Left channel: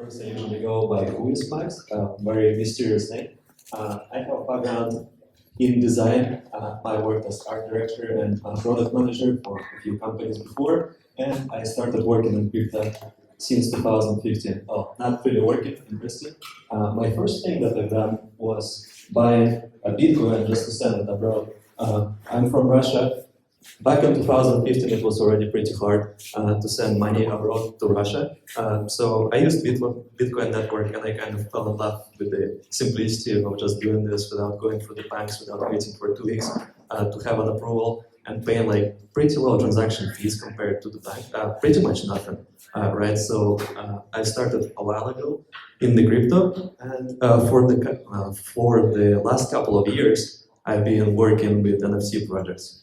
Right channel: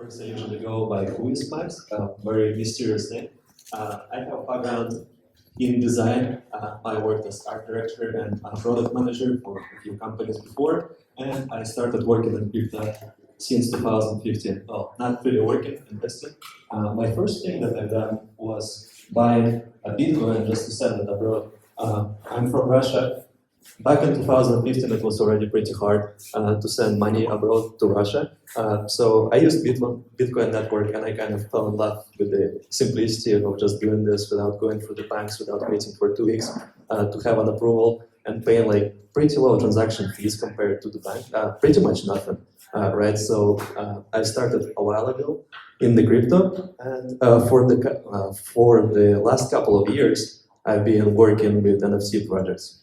course, I usually go by Who is Max, a very mysterious name. I have a background in design. I worked as art director and product manager for a few companies before, and I started working in crypto since 2015. Oh, not really working, investing. My first thing that I've done was buying a Bitcoin just to send it abroad. I'm from Russia. Back in 2015, it was already pretty hard to send money abroad to Russia. So I used Bitcoin network, and I kind of fell in love with the simplicity of just doing this without going through the banks, without waiting for 2 weeks to have an approval and paying like pretty low transaction fees compared to the bank, pretty much nothing, right? So I started a while ago in the crypto, and for the last couple of years, I've been working with NFT projects.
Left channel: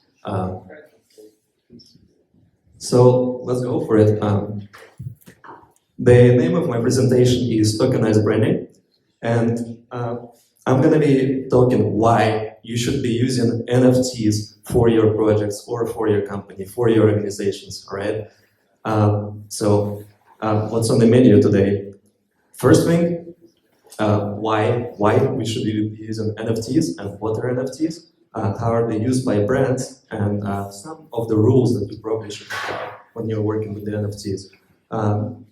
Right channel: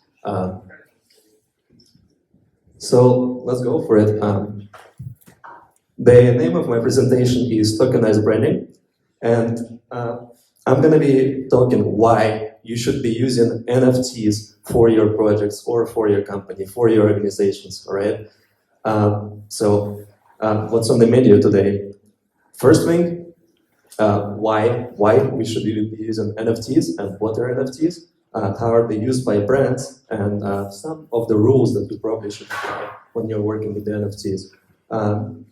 So let's go for it. The name of my presentation is Tokenised Branding, and I'm going to be talking why you should be using NFTs for your projects or for your company, for your organizations, all right? So what's on the menu today? First thing, why we should be using NFTs and what are NFTs? How are they used by brands, and some of the rules that you probably should apply when you're working with the NFTs.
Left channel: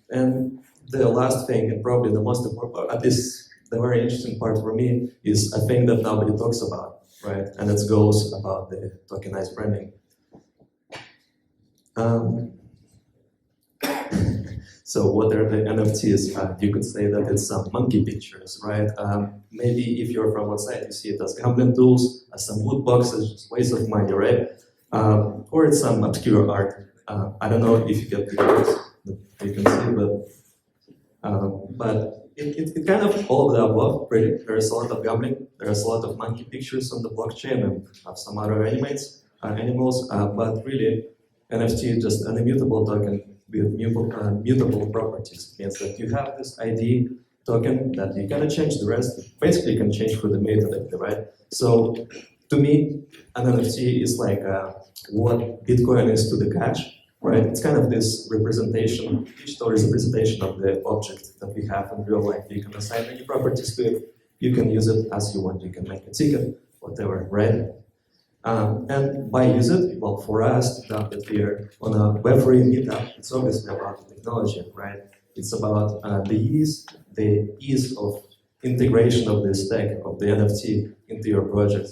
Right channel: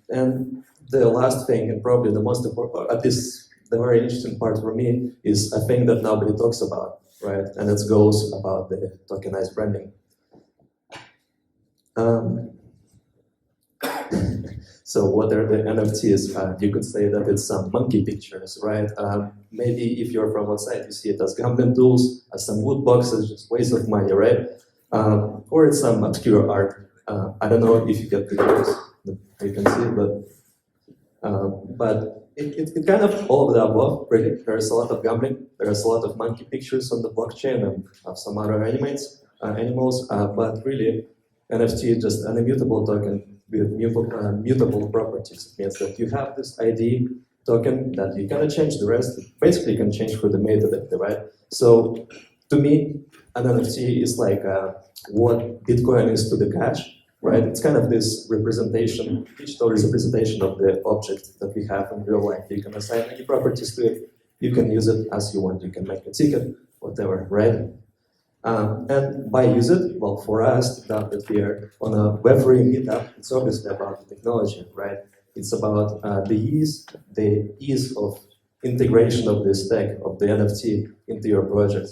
And the last thing, and probably the most important, at least the very interesting part for me, is a thing that nobody talks about, right? And it goes about the tokenized branding. So what are the NFTs? You could say that it's some monkey pictures, right? Maybe if you're from outside, you see it as gambling tools, as some loot boxes, just waste of money, right? Or it's some obscure art. I don't know if you get pictures that you can see, but it kind of all of the above, really. There's a lot of gambling, there's a lot of monkey pictures on the blockchain and of some other animals, but really, NFT is just an immutable token with mutable properties. It means that you have this ID token that you cannot change the rest. Basically, you can change for the metadata, right? So, to me, an NFT is like what Bitcoin is to the cash, right? It's kind of this representation, digital representation of the object that we have in real life. You can assign any properties to it. You can use it as you want. You can make a ticket, whatever, right? And by use it, well, for us, that we are on a Web3 meetup, it's obviously about the technology, right? It's about the ease of integration of this tech, of the NFT into your project.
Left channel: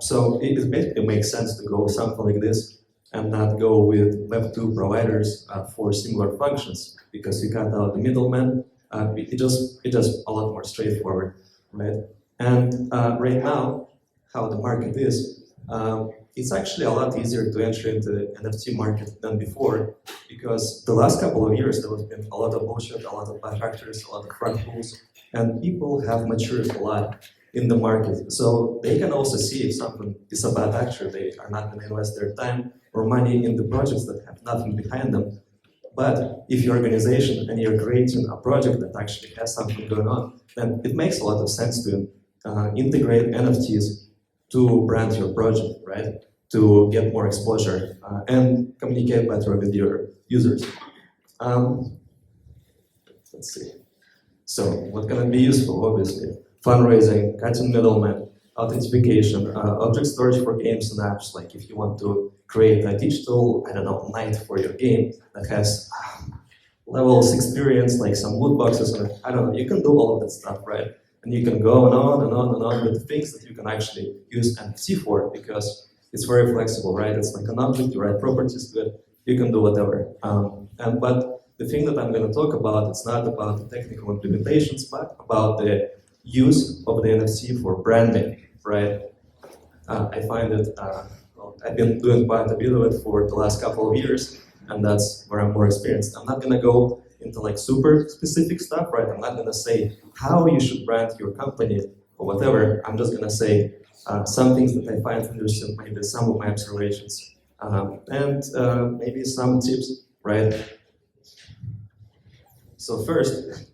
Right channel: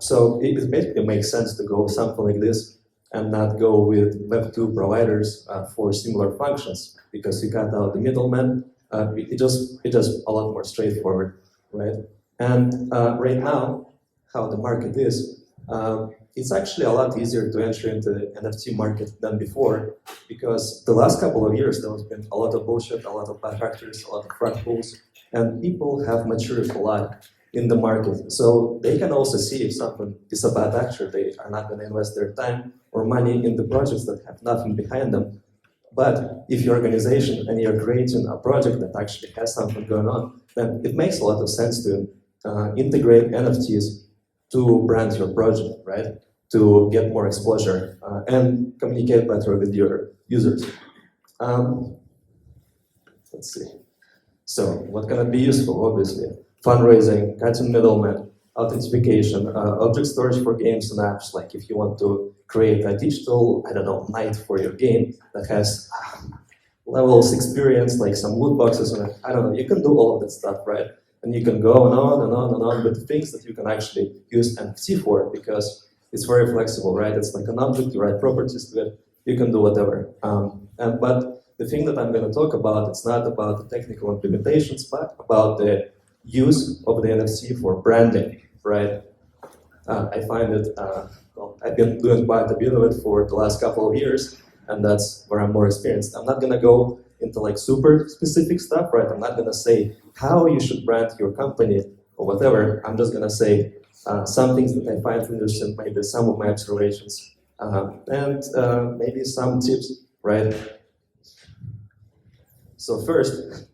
So it basically makes sense to go something like this and not go with Web2 providers for similar functions, because you cut out the middleman. It's just a lot more straightforward, right? And right now, how the market is, it's actually a lot easier to enter into the NFT market than before, because the last couple of years there has been a lot of bullshit, a lot of bad actors, a lot of front pools, and people have matured a lot in the market. So they can also see if someone is a bad actor, they are not going to invest their time or money in the projects that have nothing behind them. But if you're an organization and you're creating a project that actually has something going on, then it makes a lot of sense to integrate NFTs to brand your project, right? To get more exposure and communicate better with your users. Let's see. So, what can be useful? Obviously, fundraising, cutting middlemen, authentication, object storage for games and apps. Like if you want to create a digital, I don't know, night for your game that has levels experience, like some loot boxes, and I don't know. You can do all of that stuff, right? And you can go on and on and on with things that you can actually use NFT for, because it's very flexible, right? It's like an object, you write properties to it, you can do whatever. But the thing that I'm going to talk about, it's not about the technical implementations, but about the use of the NFT for branding, right? I find it, I've been doing quite a bit of it for the last couple of years, and that's where I'm more experienced. I'm not going to go into like super specific stuff, right? I'm not going to say how you should brand your company or whatever. I'm just going to say some things that I find interesting, maybe some of my observations, and maybe some tips, right? So first,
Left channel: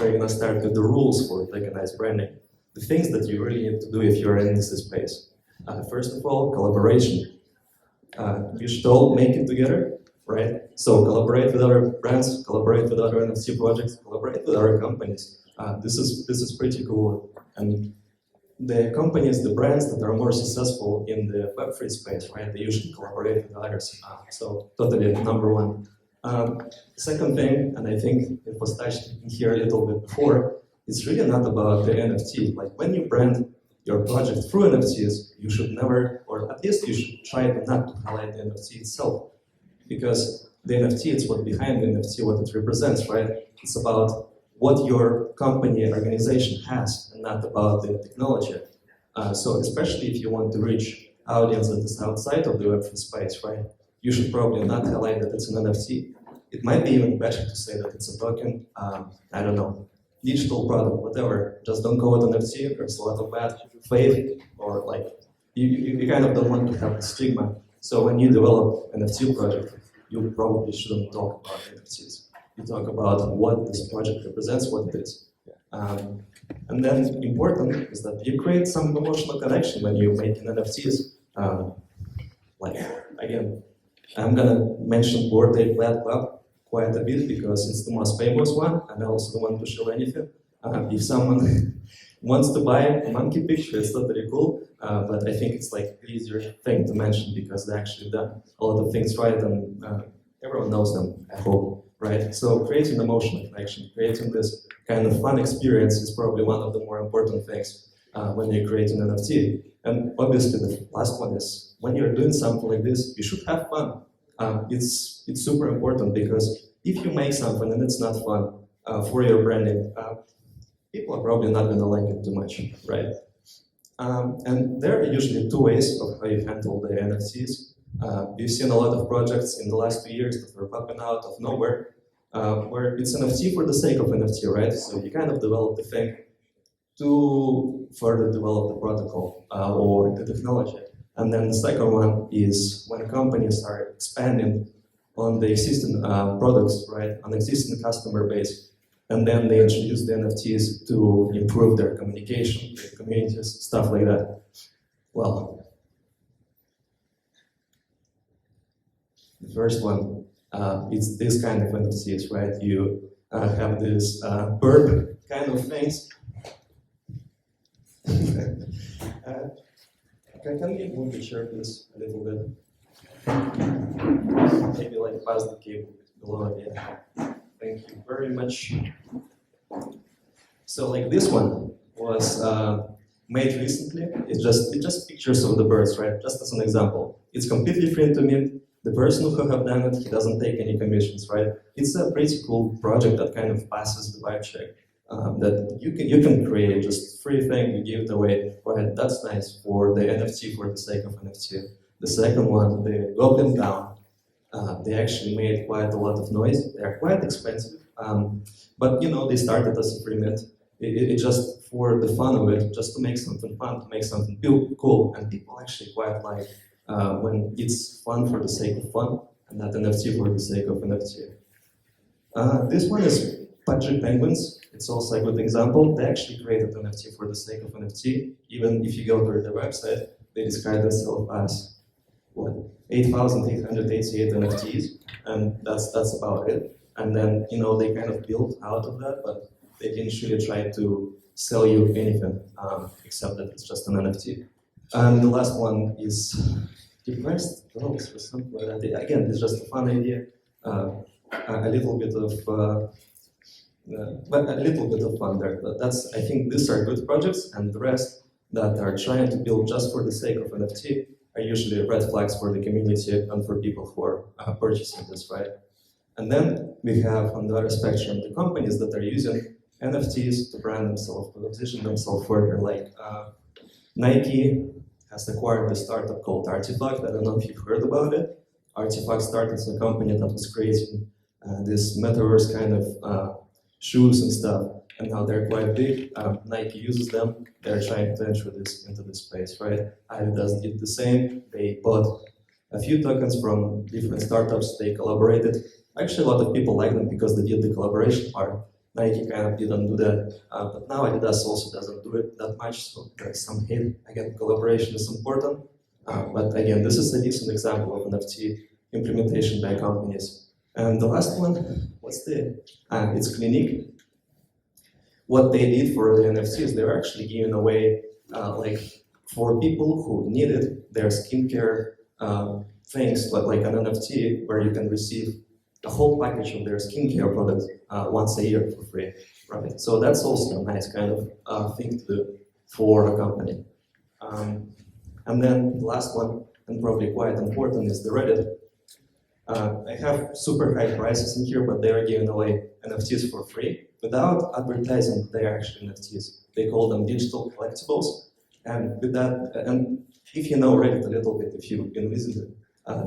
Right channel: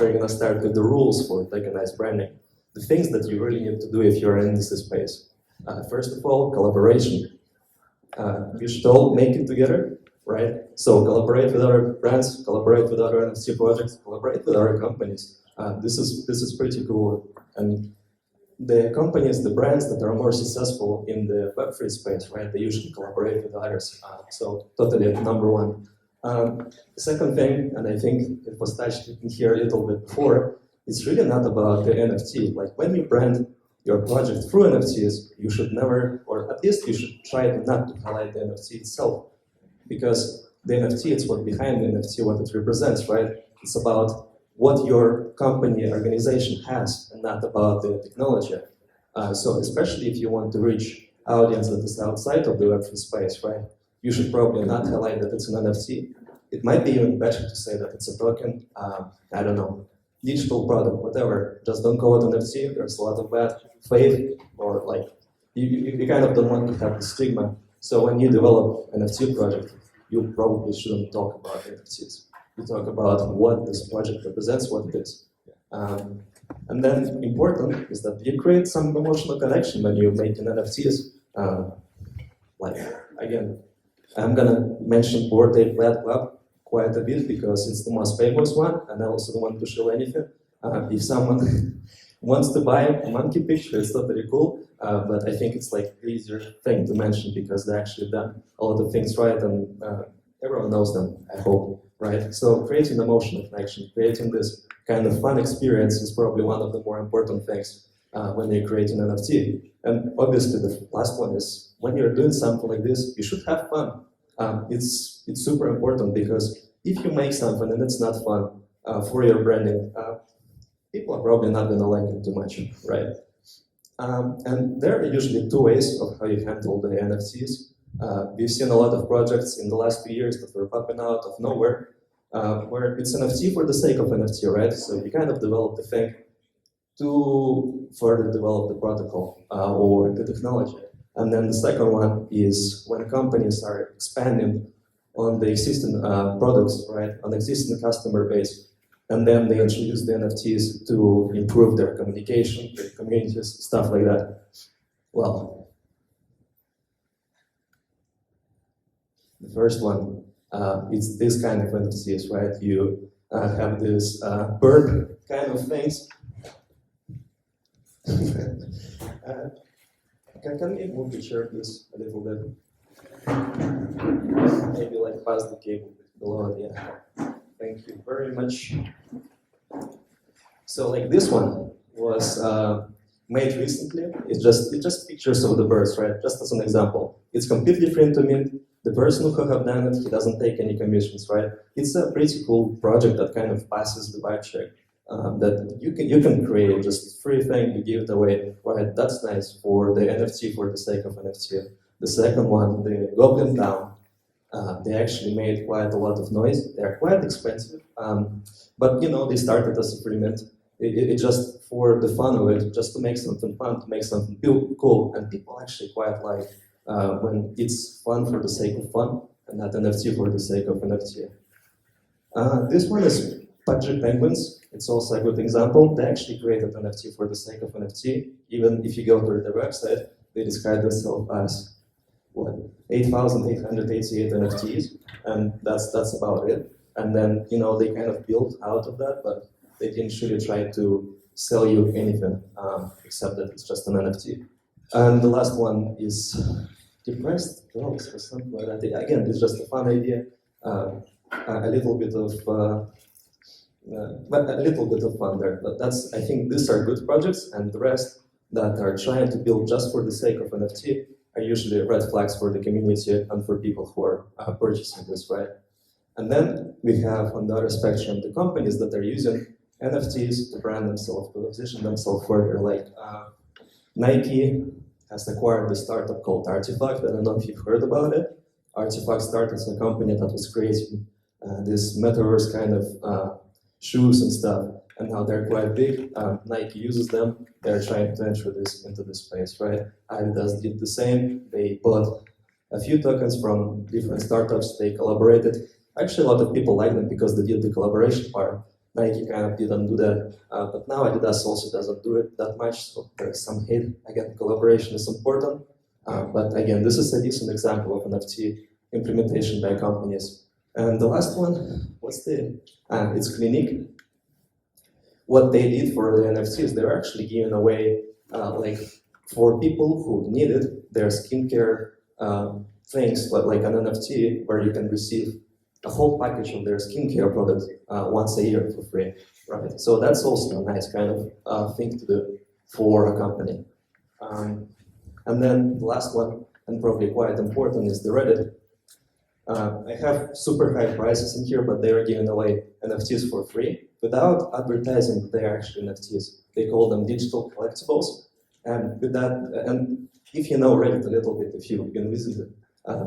we're going to start with the rules for tokenized branding. The things that you really need to do if you're in this space. First of all, collaboration. You should all make it together. right? So collaborate with other brands, collaborate with other NFT projects, collaborate with other companies. This is pretty cool. And the companies, the brands that are more successful in the Web3 space, right? They usually collaborate with others. So totally number one. Second thing, and I think it was touched in here a little bit before, it's really not about the NFT. Like when you brand your project through NFTs, you should never, or at least you should try not to highlight the NFT itself. Because the NFT is what behind the NFT, what it represents, right? It's about what your company, organization has, and not about the technology. So especially if you want to reach audience that is outside of the Web3 space, right? You should probably not highlight that it's an NFT. It might be even better to say that it's a token, I don't know, digital product, whatever. Just don't call it NFT. There's a lot of bad faith, or like, you kind of don't want to have the stigma. So when you develop an NFT project, you probably shouldn't talk about NFTs. You talk about what this project represents, what it is. And then important is that you create some emotional connection when you make an NFTs. Like, again, I'm gonna mention Bored Ape Yacht Club quite a bit because it's the most famous one, and I also don't want to show anything. If someone wants to buy a monkey picture, it's totally cool, but I think it's like the easier thing to mention because they actually done a lot of things right, and everyone knows them, I hope, right? So creating emotional connection, creating this kind of fun experience is probably one of the more important things when you're creating an NFT. And obviously the last one is, when you're doing something like this, you should have fun. It's super important because if you make something and it's not fun for your branding, people are probably not gonna like it too much, right? And there are usually two ways of how you handle the NFTs. We've seen a lot of projects in the last 2 years that were popping out of nowhere, where it's NFT for the sake of NFT, right? So you kind of develop the thing to further develop the protocol or the technology. And then the second one is when companies are expanding on the existing products, right, on existing customer base, and then they introduce the NFTs to improve their communication, their communities, stuff like that. Well, the first one, it's this kind of NFTs, right? You have this bird kind of things. Can we move the chair, please, a little bit? Maybe like pass the cable below, yeah. Thank you very much. So like this one was made recently. It's just pictures of the birds, right? Just as an example. It's completely free to mint. The person who have done it, he doesn't take any commissions, right? It's a pretty cool project that kind of passes the vibe check. That you can create just free thing, you give it away, right? That's nice for the NFT for the sake of NFT. The second one, the Goblin Town, they actually made quite a lot of noise. They're quite expensive, but you know they started as a free mint. It just for the fun of it, just to make something fun, to make something cool, and people actually quite like when it's fun for the sake of fun and not NFT for the sake of NFT. This one is Patchy Penguins. It's also a good example. They actually created NFT for the sake of NFT. Even if you go to their website, they describe themselves as what 8,888 NFTs, and that's about it. And then you know they kind of built out of that, but they didn't really try to sell you anything except that it's just an NFT. And the last one is Depressed Girls or something like that. Again, it's just a fun idea. A little bit of but a little bit of fun there. But I think these are good projects, and the rest that are trying to build just for the sake of NFT are usually red flags for the community and for people who are purchasing this, right? And then we have on the other spectrum the companies that are using NFTs to brand themselves, to position themselves further. Like Nike has acquired a startup called Artifact. I don't know if you've heard about it. Artifact started as a company that was creating this metaverse kind of shoes and stuff, and now they're quite big. Nike uses them. They're trying to enter into this space, right? Adidas did the same. They bought a few tokens from different startups. They collaborated. Actually, a lot of people like them because they did the collaboration part. Nike kind of didn't do that, but now Adidas also doesn't do it that much. So there's some hate. Again, collaboration is important, but again, this is a decent example of NFT implementation by companies. And the last one, it's Clinique. What they did for the NFTs, they're actually giving away, like for people who needed their skincare things, but like an NFT where you can receive a whole package of their skincare products once a year for free, right? So that's also a nice kind of thing to do for a company. And then the last one, and probably quite important, is the Reddit. I have super high prices in here, but they are giving away NFTs for free without advertising their actual NFTs. They call them digital collectibles. And with that, and if you know Reddit a little bit, if you've been visited,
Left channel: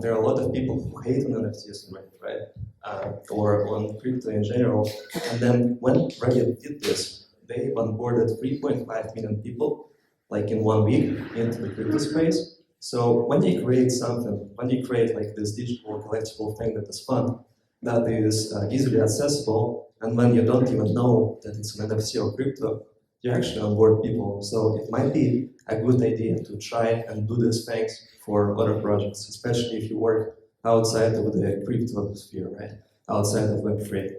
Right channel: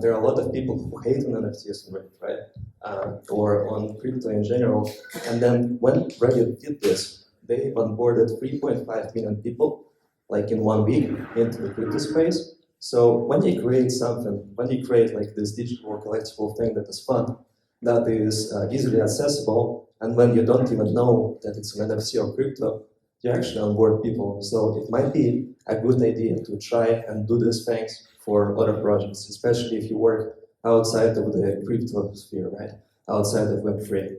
there are a lot of people who hate on NFTs on Reddit, right? Or on crypto in general. And then when Reddit did this, they onboarded 3.5 million people, like in 1 week, into the crypto space. So when you create something, when you create like this digital collectible thing that is fun, that is easily accessible, and when you don't even know that it's an NFT or crypto, you actually onboard people. So it might be a good idea to try and do these things for other projects, especially if you work outside of the crypto sphere, right? Outside of Web3.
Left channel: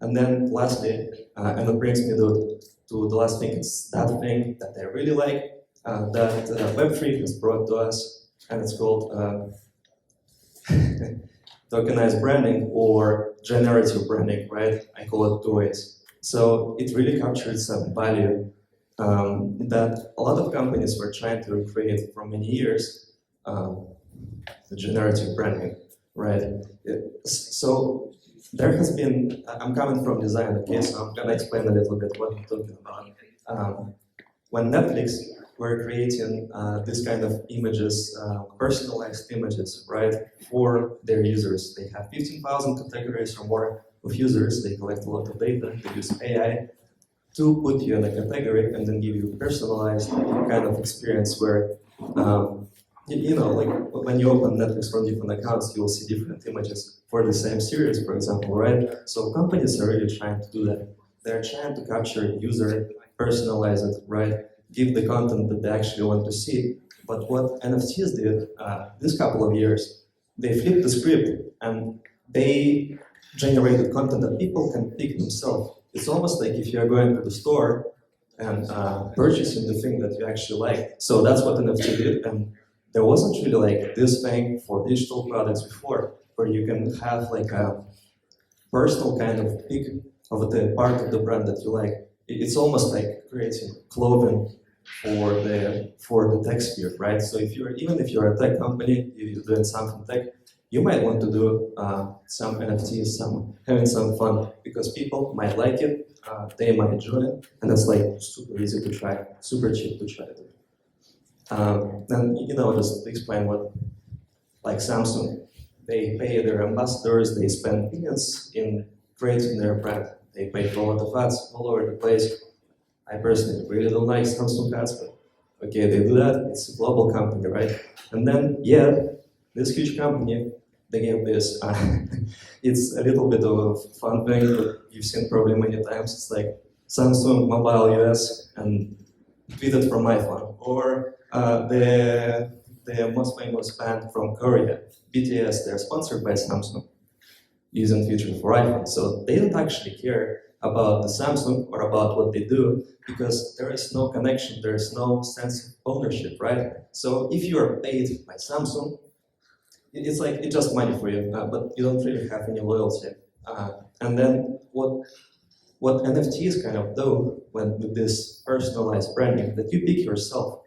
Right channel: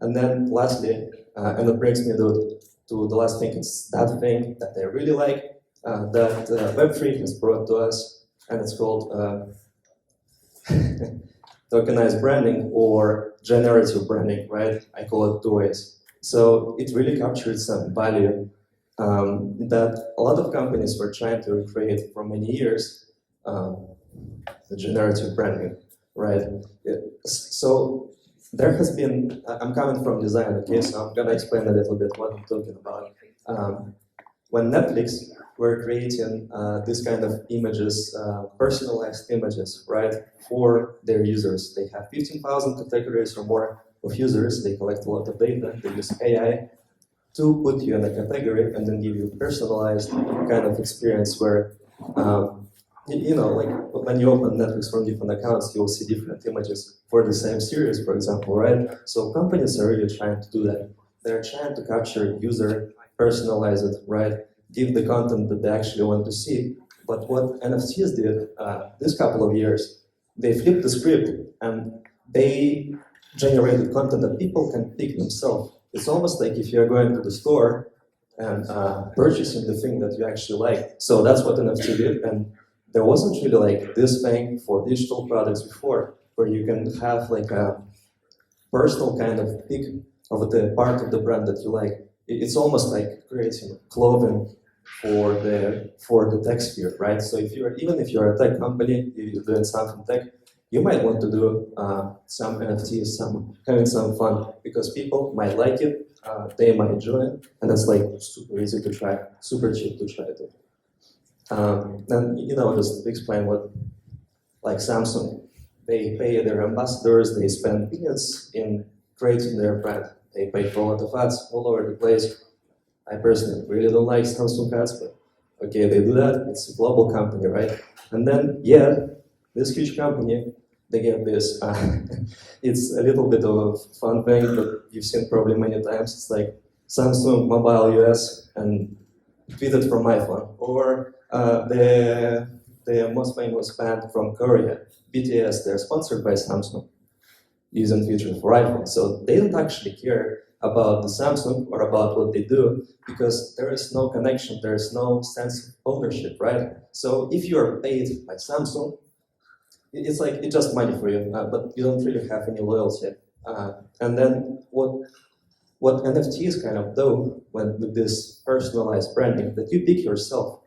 And then lastly, and it brings me to the last thing, it's that thing that I really like, that Web3 has brought to us, and it's called Tokenized Branding or generative branding, right? I call it two ways. So it really captured some value that a lot of companies were trying to recreate for many years, the generative branding, right? So there has been, I'm coming from design, okay, so I'm gonna explain a little bit what I'm talking about. When Netflix were creating this kind of images, personalized images, right, for their users. They have 15,000 categories or more of users. They collect a lot of data. They use AI to put you in a category and then give you a personalized kind of experience where, you know, like when you open Netflix from different accounts, you'll see different images for the same series, for example, right? So companies are really trying to do that. They're trying to capture user, personalize it, right? Give the content that they actually want to see. But what NFTs did this couple of years, they flipped the script and they generated content that people can pick themselves. It's almost like if you're going to the store and purchasing the thing that you actually like. So that's what NFT did. And there wasn't really like this thing for digital products before, where you can have like a personal kind of pick of the part of the brand that you like. It's almost like creating clothing for the tech sphere, right? So even if you're a tech company, you're doing something tech, you might want to do some NFTs, having some fun, because people might like it, they might enjoy it, and it's like super easy to try, super cheap to try it. And you know, just to explain what, like Samsung, they pay their ambassadors, they spend billions in creating their brand. They pay for a lot of ads all over the place. I personally really don't like Samsung ads, but okay, they do that. It's a global company, right? And then, yeah, this huge company, they get this. It's a little bit of a fun thing, but you've seen probably many times. It's like Samsung Mobile US and tweeted from iPhone, or the most famous band from Korea, BTS. They're sponsored by Samsung, using features for iPhone. So they don't actually care about the Samsung or about what they do, because there is no connection, there is no sense of ownership, right? So if you are paid by Samsung, it's like it's just money for you, but you don't really have any loyalty. And then what NFTs kind of do with this personalized branding, that you pick yourself.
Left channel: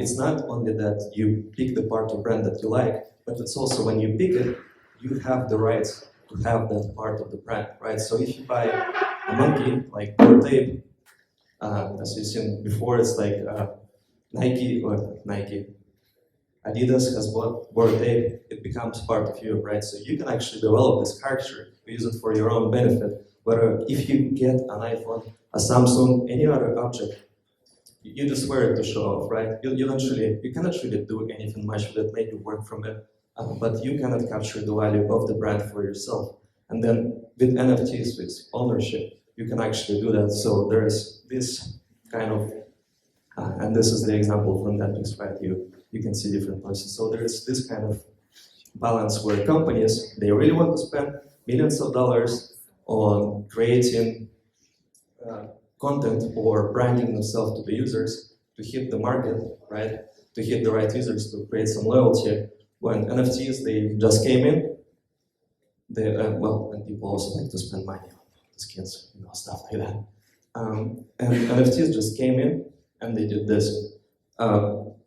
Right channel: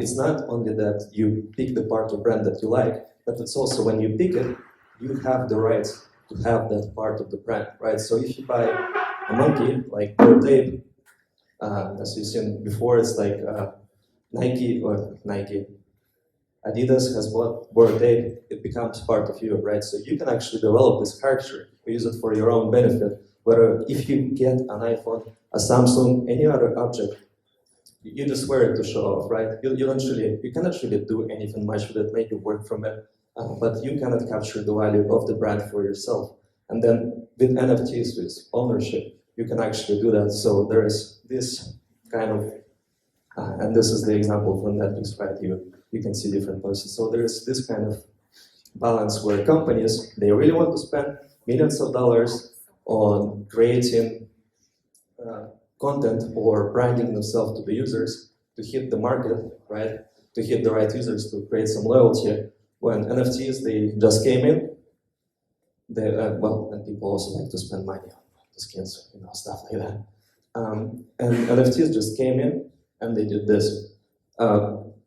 It's not only that you pick the part of brand that you like, but it's also when you pick it, you have the rights to have that part of the brand, right? So if you buy a monkey, like Bored Ape, as you've seen before, it's like Nike, Adidas has bought Bored Ape, it becomes part of you, right? So you can actually develop this character, use it for your own benefit. Where if you get an iPhone, a Samsung, any other object, you just wear it to show off, right? You cannot really do anything much with it, make it work from it, but you cannot capture the value of the brand for yourself. And then with NFTs, with ownership, you can actually do that. So there is this kind of And this is the example from that piece, right? You can see different places. So there's this kind of balance where companies, they really want to spend millions of dollars on creating content or branding themselves to the users to hit the market, right? To hit the right users, to create some loyalty. When NFTs, they just came in, and people also like to spend money on the skins, stuff like that. And NFTs just came in and they did this.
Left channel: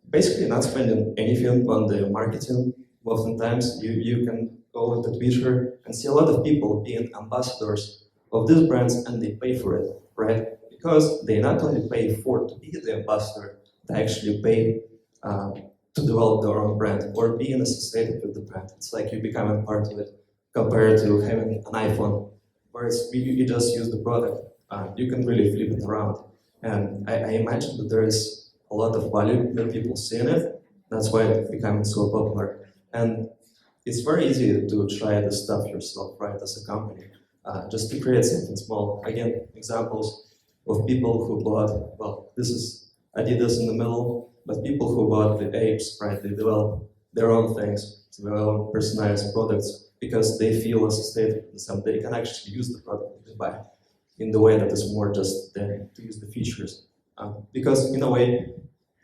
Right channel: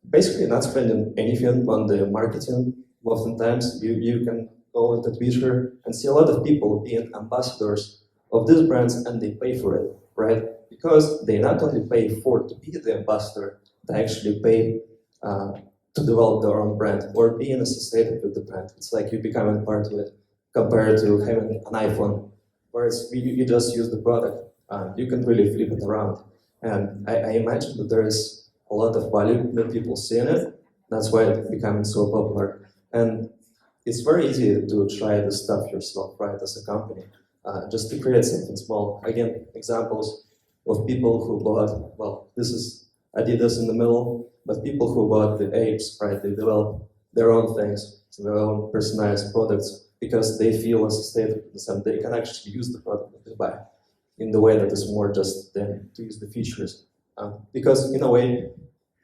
Basically not spending anything on the marketing. Oftentimes you can go to Twitter and see a lot of people being ambassadors of these brands and they pay for it, right? Because they not only pay to be the ambassador, they actually pay to develop their own brand or being associated with the brand. It's like you becoming part of it compared to having an iPhone, whereas you just use the product. You can really flip it around. And I imagine that there is a lot of value that people see in it. That's why it's becoming so popular. And it's very easy to try this stuff yourself, right, as a company. Just to create something small. Again, examples of people who bought, I did this in the middle, but people who bought the apes, right, they develop their own things, their own personalized products, because they feel associated with this and they can actually use the product that they buy in the way that is more just them to use the features. Because in a way,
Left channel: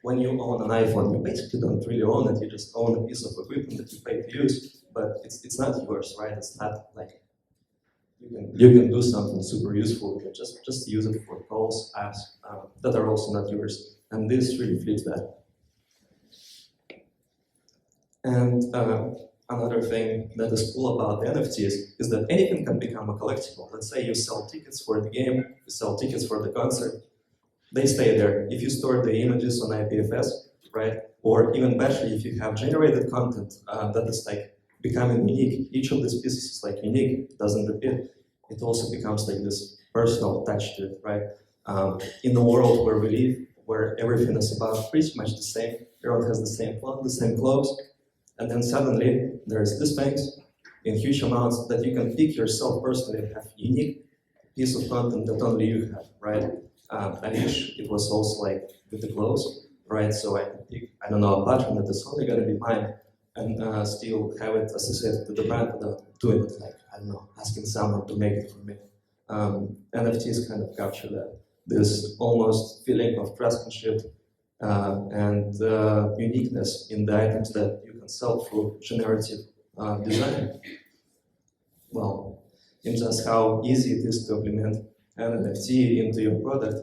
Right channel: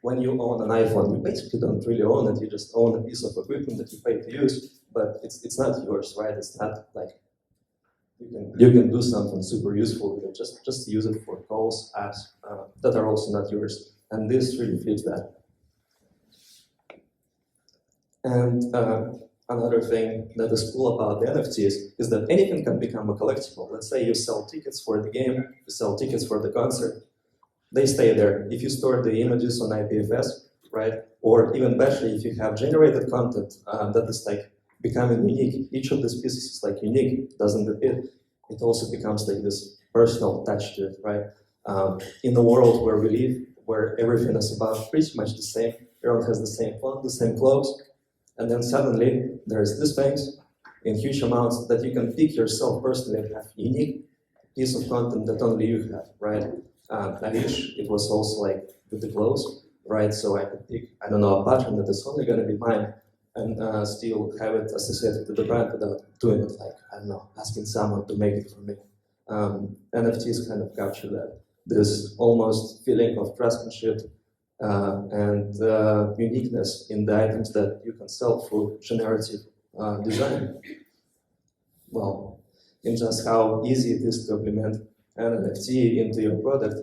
when you own an iPhone, you basically don't really own it, you just own a piece of equipment that you pay to use, but it's not yours, right? It's not like you can do something super useful with it, just use it for calls, apps that are also not yours. And this really flips that. And another thing that is cool about the NFTs is that anything can become a collectible. Let's say you sell tickets for the game, you sell tickets for the concert, they stay there. If you store the images on IPFS, right? Or even better, if you have generated content that is like becoming unique, each of these pieces is like unique, doesn't repeat, it also becomes like this personal touch to it, right? In the world where we live, where everything is about pretty much the same, everyone has the same phone, the same clothes, and then suddenly there's this things in huge amounts that you can pick yourself personally and have unique piece of content that only you have, right? I wish it was also like with the clothes, right? So I could pick, a pattern that is only gonna be mine and still have it associated with the brand without doing it like, asking someone to make it for me. NFTs kind of capture that. This almost feeling of craftsmanship and uniqueness in the items that you can sell through generative design. Well, in just how easy it is to implement an NFT into your product.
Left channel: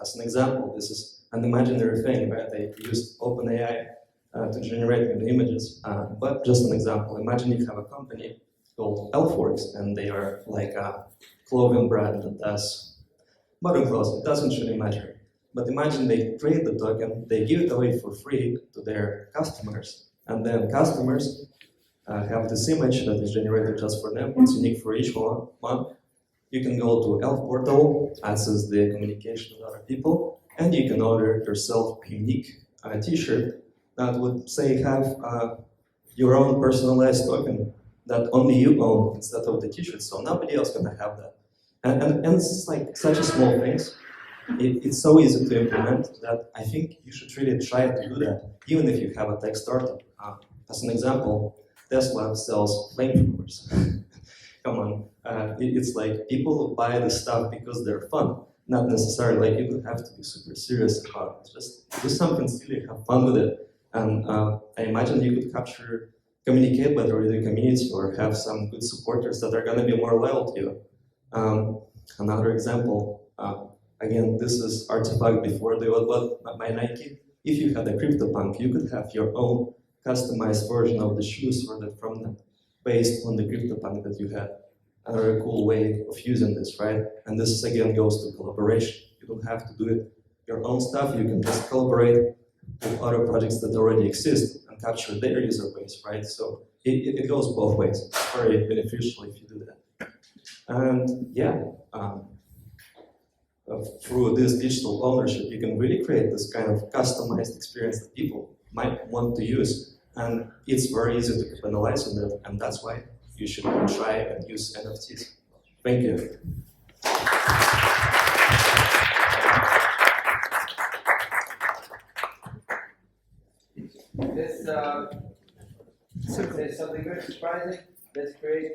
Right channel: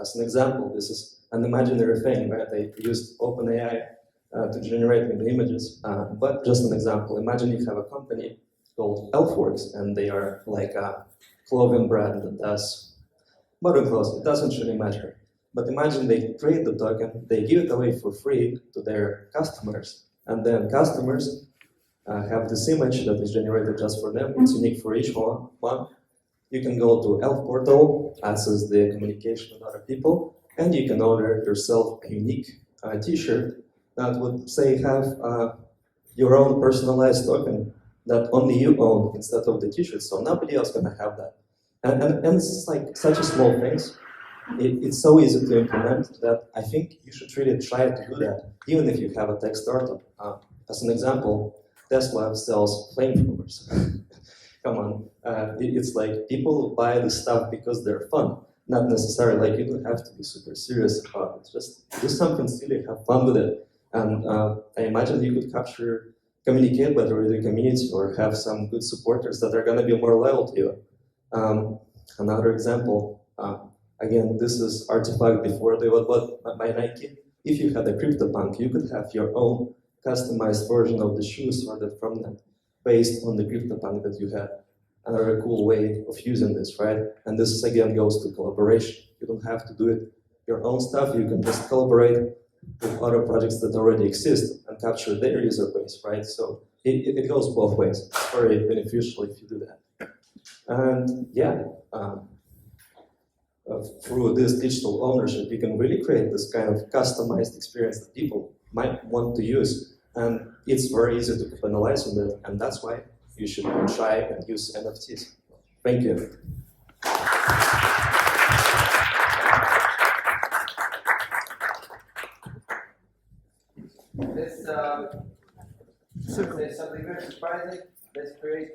As an example, this is an imaginary thing, right? They used OpenAI to generate the images. But just an example, imagine you have a company called Elfworks, and they are like a clothing brand that does modern clothes. It doesn't really matter. But imagine they create the token, they give it away for free to their customers, and then customers have this image that is generated just for them. It's unique for each one. You can go to Elf Portal, access the communication with other people, and you can order yourself a unique t-shirt that would say have your own personalized token that only you own instead of the t-shirt, so nobody else gonna have that. And it's like such a small things. It's so easy to implement that I think you should really try to do that, even if you have a tech startup. As an example, Tesla sells flamethrowers. Come on, it's like people buy this stuff because they're fun, not necessarily like you don't have to be super serious about it. Just do something silly, have fun with it. And I imagine you could communicate better with your community or have some good supporters that are going to be more loyal to you. Another example, again, this is artifact before they were bought by Nike. If you had a CryptoPunk, you could have your own customized version of the shoes ordered from them based on the CryptoPunk that you had. Another cool way of using this, right? And this again goes to collaboration. You don't have to do it your own stuff. You can just collaborate with other projects that already exist and capture their user base, right? So it goes both ways. It's very beneficial if you do that. And yeah, through this digital ownership, you can really create this kind of customized experience that people might want to use. And it's very easy to capitalize on that, and that's why you should try and use NFTs. Thank you. Let's say something very surprising. Let's create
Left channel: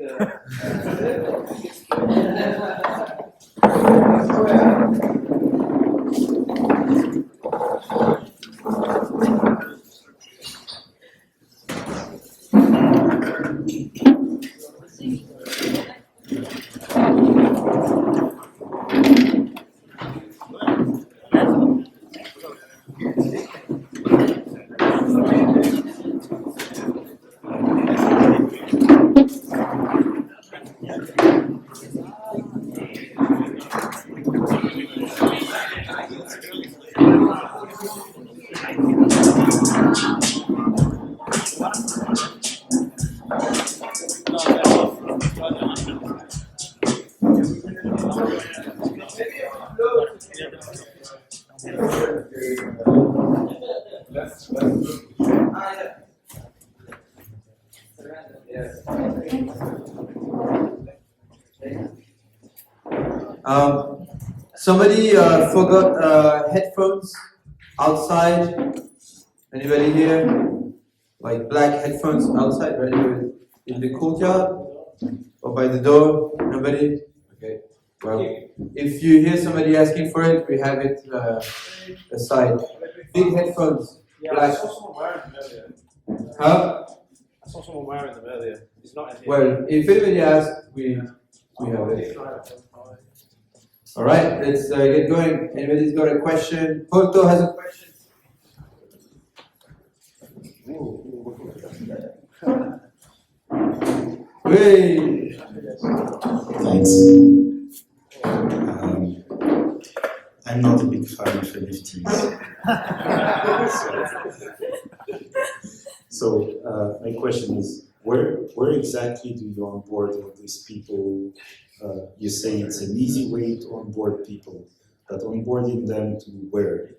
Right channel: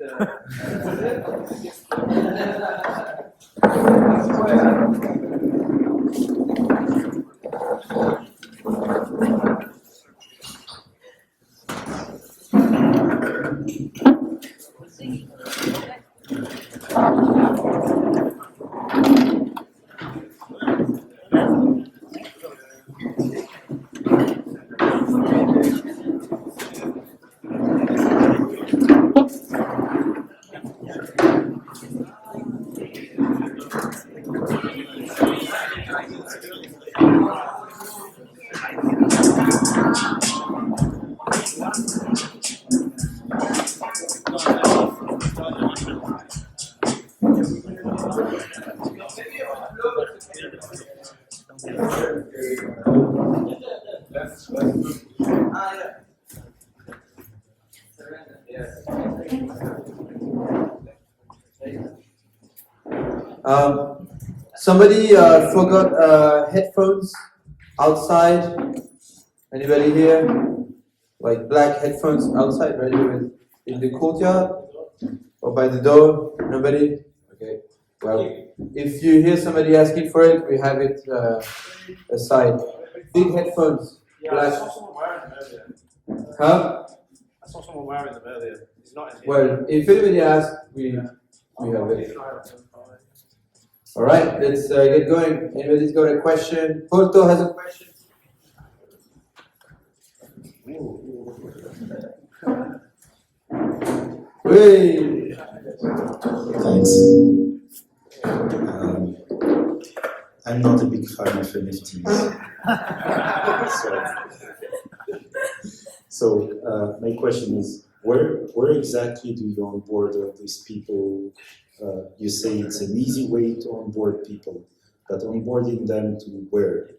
somebody forgot headphones outside. Anybody here? Like black headphones outside, ready with in the courtyard or by the door? Nobody? Okay. Well, if you hear somebody asking for it, we have it aside. Big headphones. Yeah, black. I saw someone wearing them earlier. Huh? I saw someone wearing them earlier. It's not in here. Well, if anybody asks, we have it. All right, let's get going. Anybody's got a question? Porto has a question. Hey. Thanks. I'm not a big fan of NFTs. So my question is, where exactly do you onboard all these people? You say it's an easy way to onboard people, but onboarding them to where?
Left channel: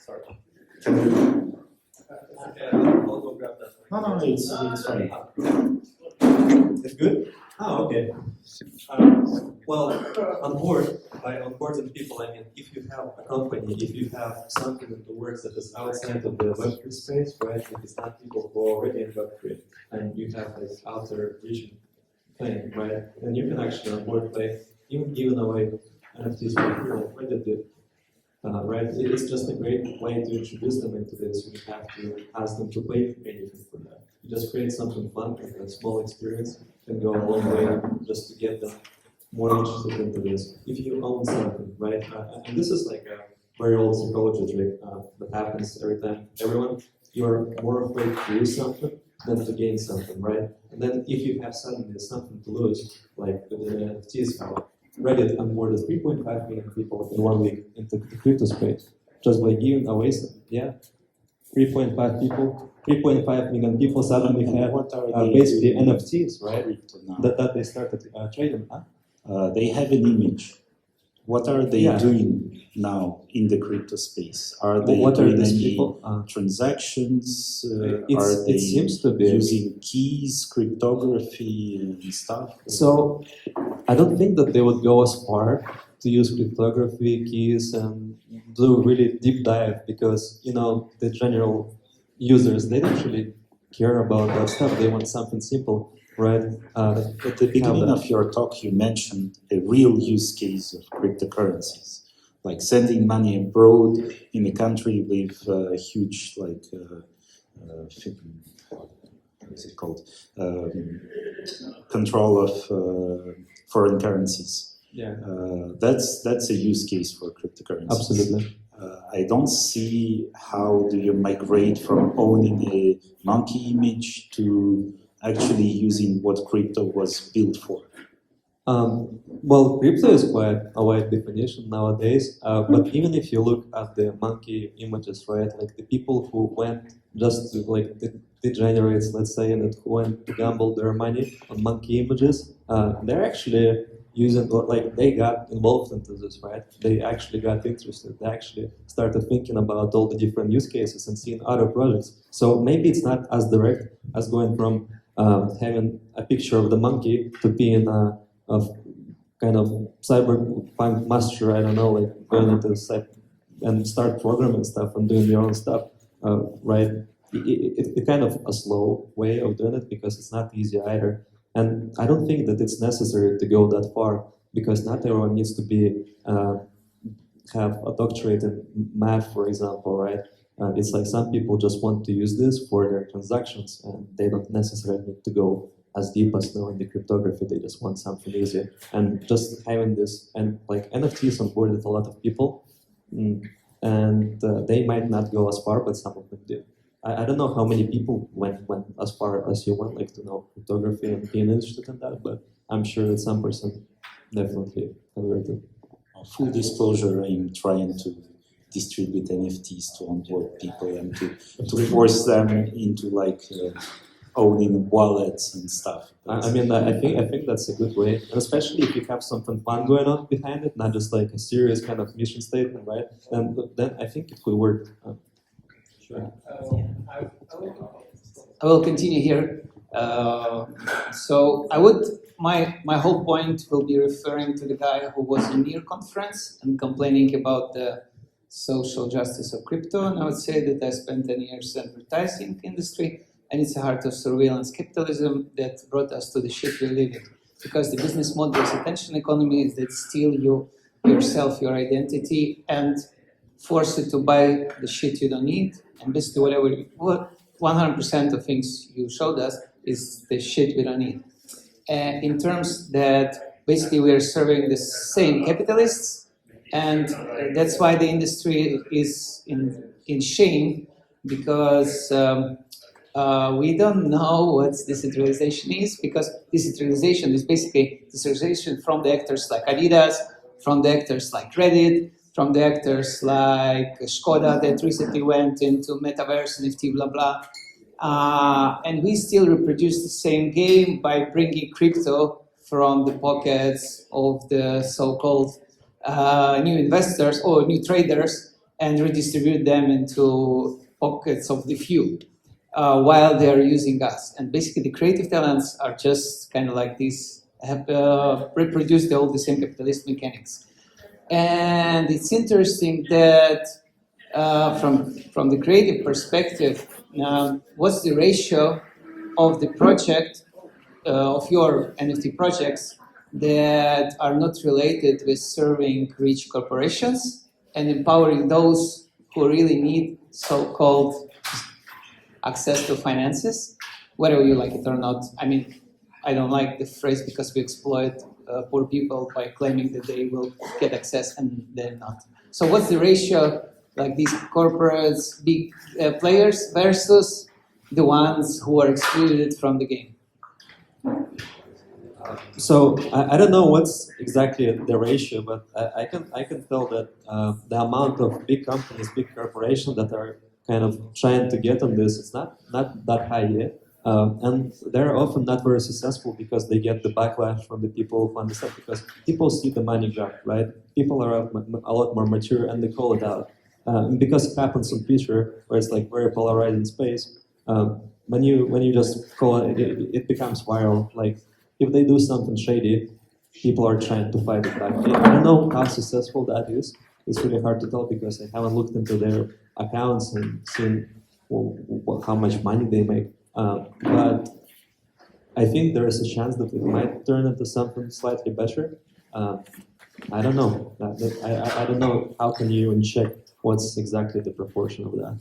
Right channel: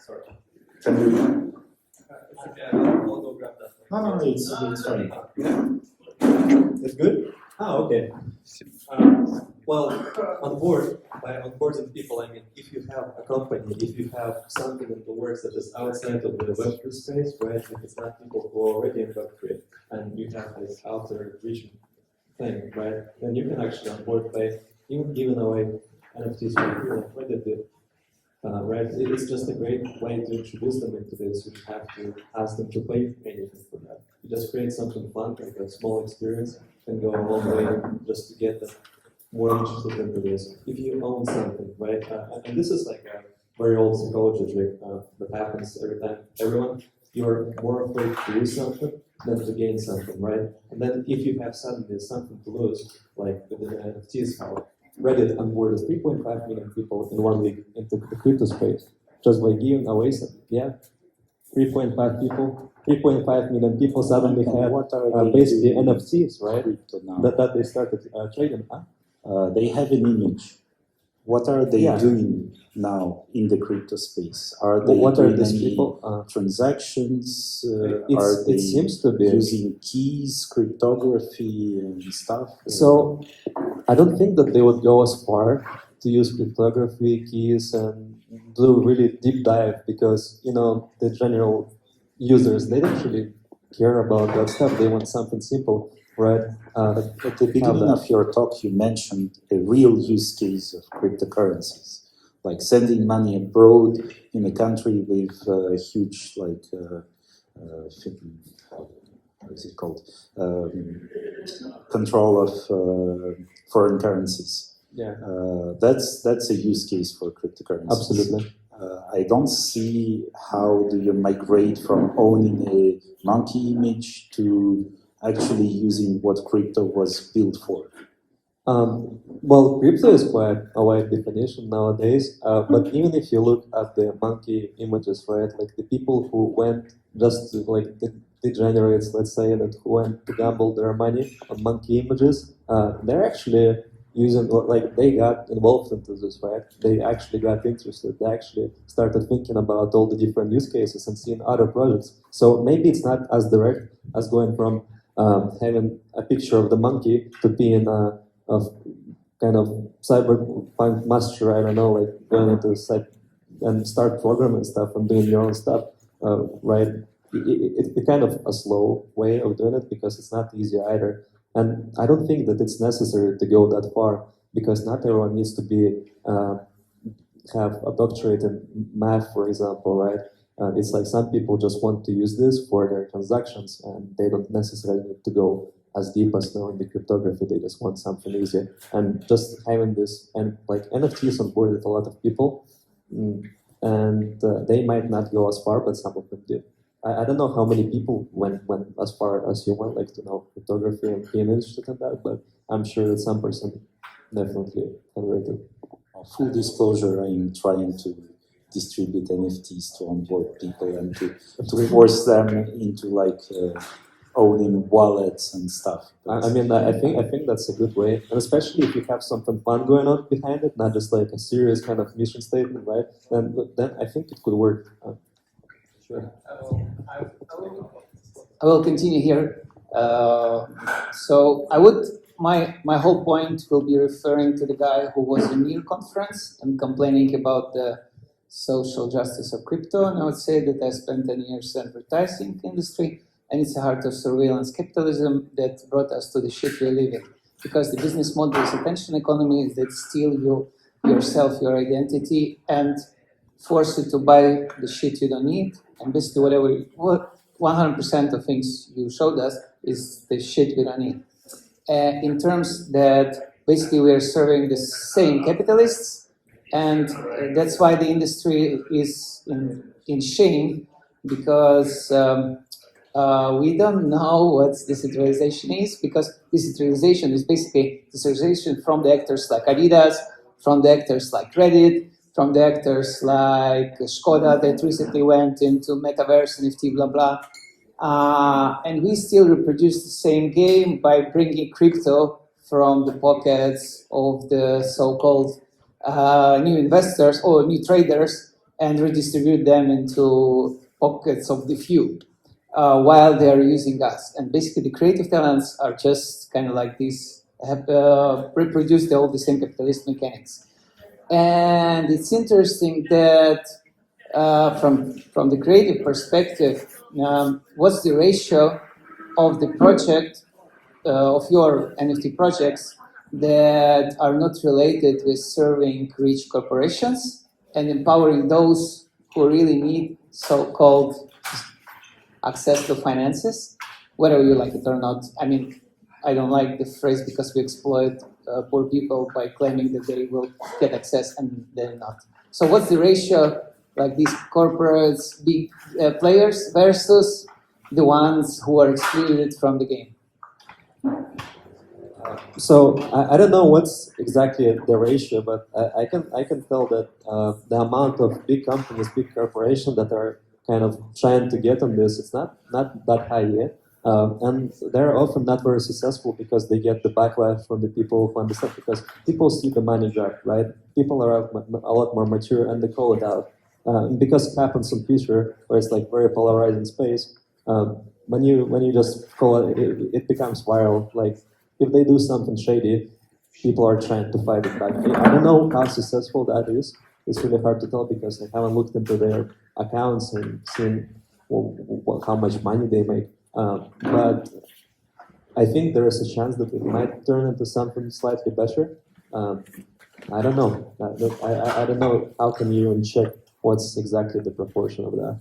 Sorry. Can we? I'll go grab that. No, it's fine. It's good? Oh, okay. Well, by onboarding people, I mean, if you have a company, if you have something in the works that is outside of the Web3 space, right? If it's not people who are already in Web3, and you have this outer vision thing, right? Then you can actually onboard by even giving away NFTs for free, like what they did. Right? It is just a great way to introduce them into this. You don't have to ask them to pay anything for that. You just create something fun, like a small experience, can go a long way just to get them more interested into this. If you own something, right? And this is like a very old psychology trick that happens every time. Everyone, you're more afraid to lose something than to gain something, right? And then if you have suddenly something to lose, like the NFTs, Reddit onboarded 3.5 million people in 1 week into the crypto space just by giving away something. Yeah, 3.5 million people suddenly have basically NFTs, right? That they started trading. They have an image. What are they doing now in the crypto space? Are they doing any transactions? It seems to be using keys, cryptography, and stuff? So I don't think that they would go as far to use cryptography, keys, and do really deep dive because the general users, they don't really care about that stuff. They want something simple. Right. At the beginning of your talk, you mentioned a real use case of cryptocurrencies, like sending money abroad in a country with huge, what is it called? Control of foreign currencies. Yeah. That's a use case for cryptocurrencies. Absolutely. I don't see how do you migrate from owning a monkey image to actually using what crypto was built for. Well, crypto is quite a wide definition nowadays, but even if you look at the monkey images, right, like the people who went just to like the degenerates, let's say, and who went to gamble their money on monkey images, they're actually using, like, they got involved into this, right? They actually got interested. They actually started thinking about all the different use cases and seeing other projects. So maybe it's not as direct as going from having a picture of the monkey to being a kind of cyberpunk master, I don't know, like going into and start programming stuff and doing your own stuff, right? It's kind of a slow way of doing it because it's not easy either. And I don't think that it's necessary to go that far because not everyone needs to be have a doctorate in math, for example, right? It's like some people just want to use this for their transactions and they don't necessarily need to go as deep as knowing the cryptography. They just want something easy. And just having this, and like NFTs onboarded a lot of people, and they might not go as far, but some of them do. I don't know how many people went as far as you went, like to know cryptography and being interested in that, but I'm sure that some person definitely converted. Full disclosure, I'm trying to distribute NFTs to onboard people and to force them into like owning wallets and stuff. I mean, I think that's a good way, and especially if you have something fun going on behind it, not just like a serious kind of mission statement, right? Then I think it could work. Sure. I will continue here. So my whole point will be referring to the guy who was in your conference and complaining about the social justice of crypto. And I would say that I spent 10 years in advertising industry, and it's a heart of surveillance capitalism that brought us to the shit we live in. Because the business model is attention economy that steal yourself, your identity, and force you to buy the shit you don't need. And basically what 100% of things you showed us is the shit we don't need. In terms that basically we're serving the same capitalists, and that's why the industry is in shame, because we don't know what decentralization is, because decentralization is basically decentralization from the actors like Adidas, from the actors like Reddit, from the actors like Skoda that recently went into metaverse, NFT, blah, blah. And we still reproduce the same game by bringing crypto from the pockets of the so-called new investors or new traders and redistribute them into pockets of the few while they're using us. And basically the creative talents are just kind of like these, have reproduced all the same capitalist mechanics. And it's interesting that from the creative perspective, what's the ratio of the project, of your NFT projects that are not related with serving rich corporations and empowering those who really need so-called access to finances, whether you like it or not. I mean, I don't like the phrase because we exploit poor people by claiming that they will get access and they're not. So what's the ratio, like these corporates, big players versus the ones who are excluded from the game? So I don't know what's exactly the ratio, but I can tell that the amount of big companies, big corporations that are kind of trying to get on this, it's not that high yet. And they're often not very successful because they get the backlash from the people who understand, because people see the money grab, right? People are a lot more mature and they call it out. Because it happens on Twitter, where it's like very polarizing space, when you just call it, it becomes viral. Like if they do something shady, people are trying to fight it back. I don't know how successful that is. It's really hard to tell because I haven't looked into their accounts and seen how much money they make. But I think there is a chance that it might turn into something slightly better. I don't know. I don't know how can you even check what's exactly the proportion of that.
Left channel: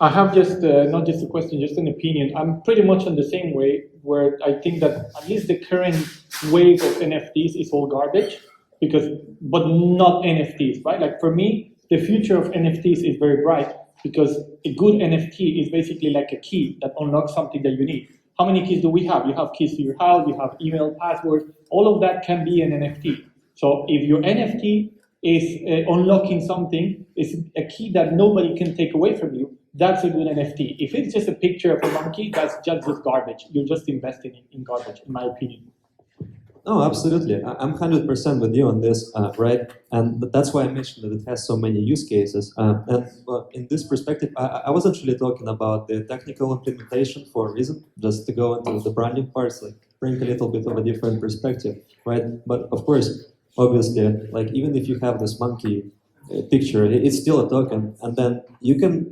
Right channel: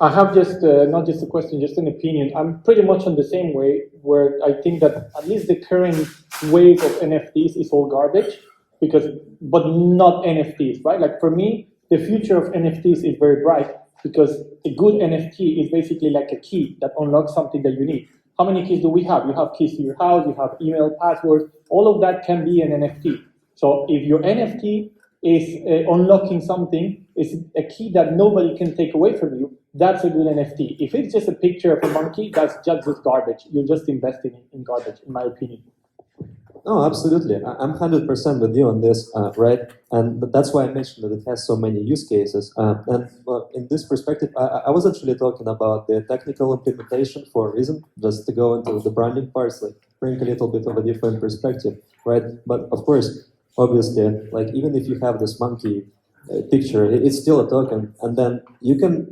I have just not just a question, just an opinion. I'm pretty much on the same way, where I think that at least the current wave of NFTs is all garbage, but not NFTs, right? Like for me, the future of NFTs is very bright, because a good NFT is basically like a key that unlocks something that you need. How many keys do we have? You have keys to your house, you have email, passwords, all of that can be an NFT. So if your NFT is unlocking something, is a key that nobody can take away from you, that's a good NFT. If it's just a picture of a monkey, that's just garbage. You're just investing in garbage, in my opinion. No, absolutely. I'm 100% with you on this, right? And that's why I mentioned that it has so many use cases. And in this perspective, I wasn't really talking about the technical implementation for a reason, just to go into the branding parts, like bring a little bit of a different perspective, right? But of course, obviously, like even if you have this monkey picture, it's still a token, and then you can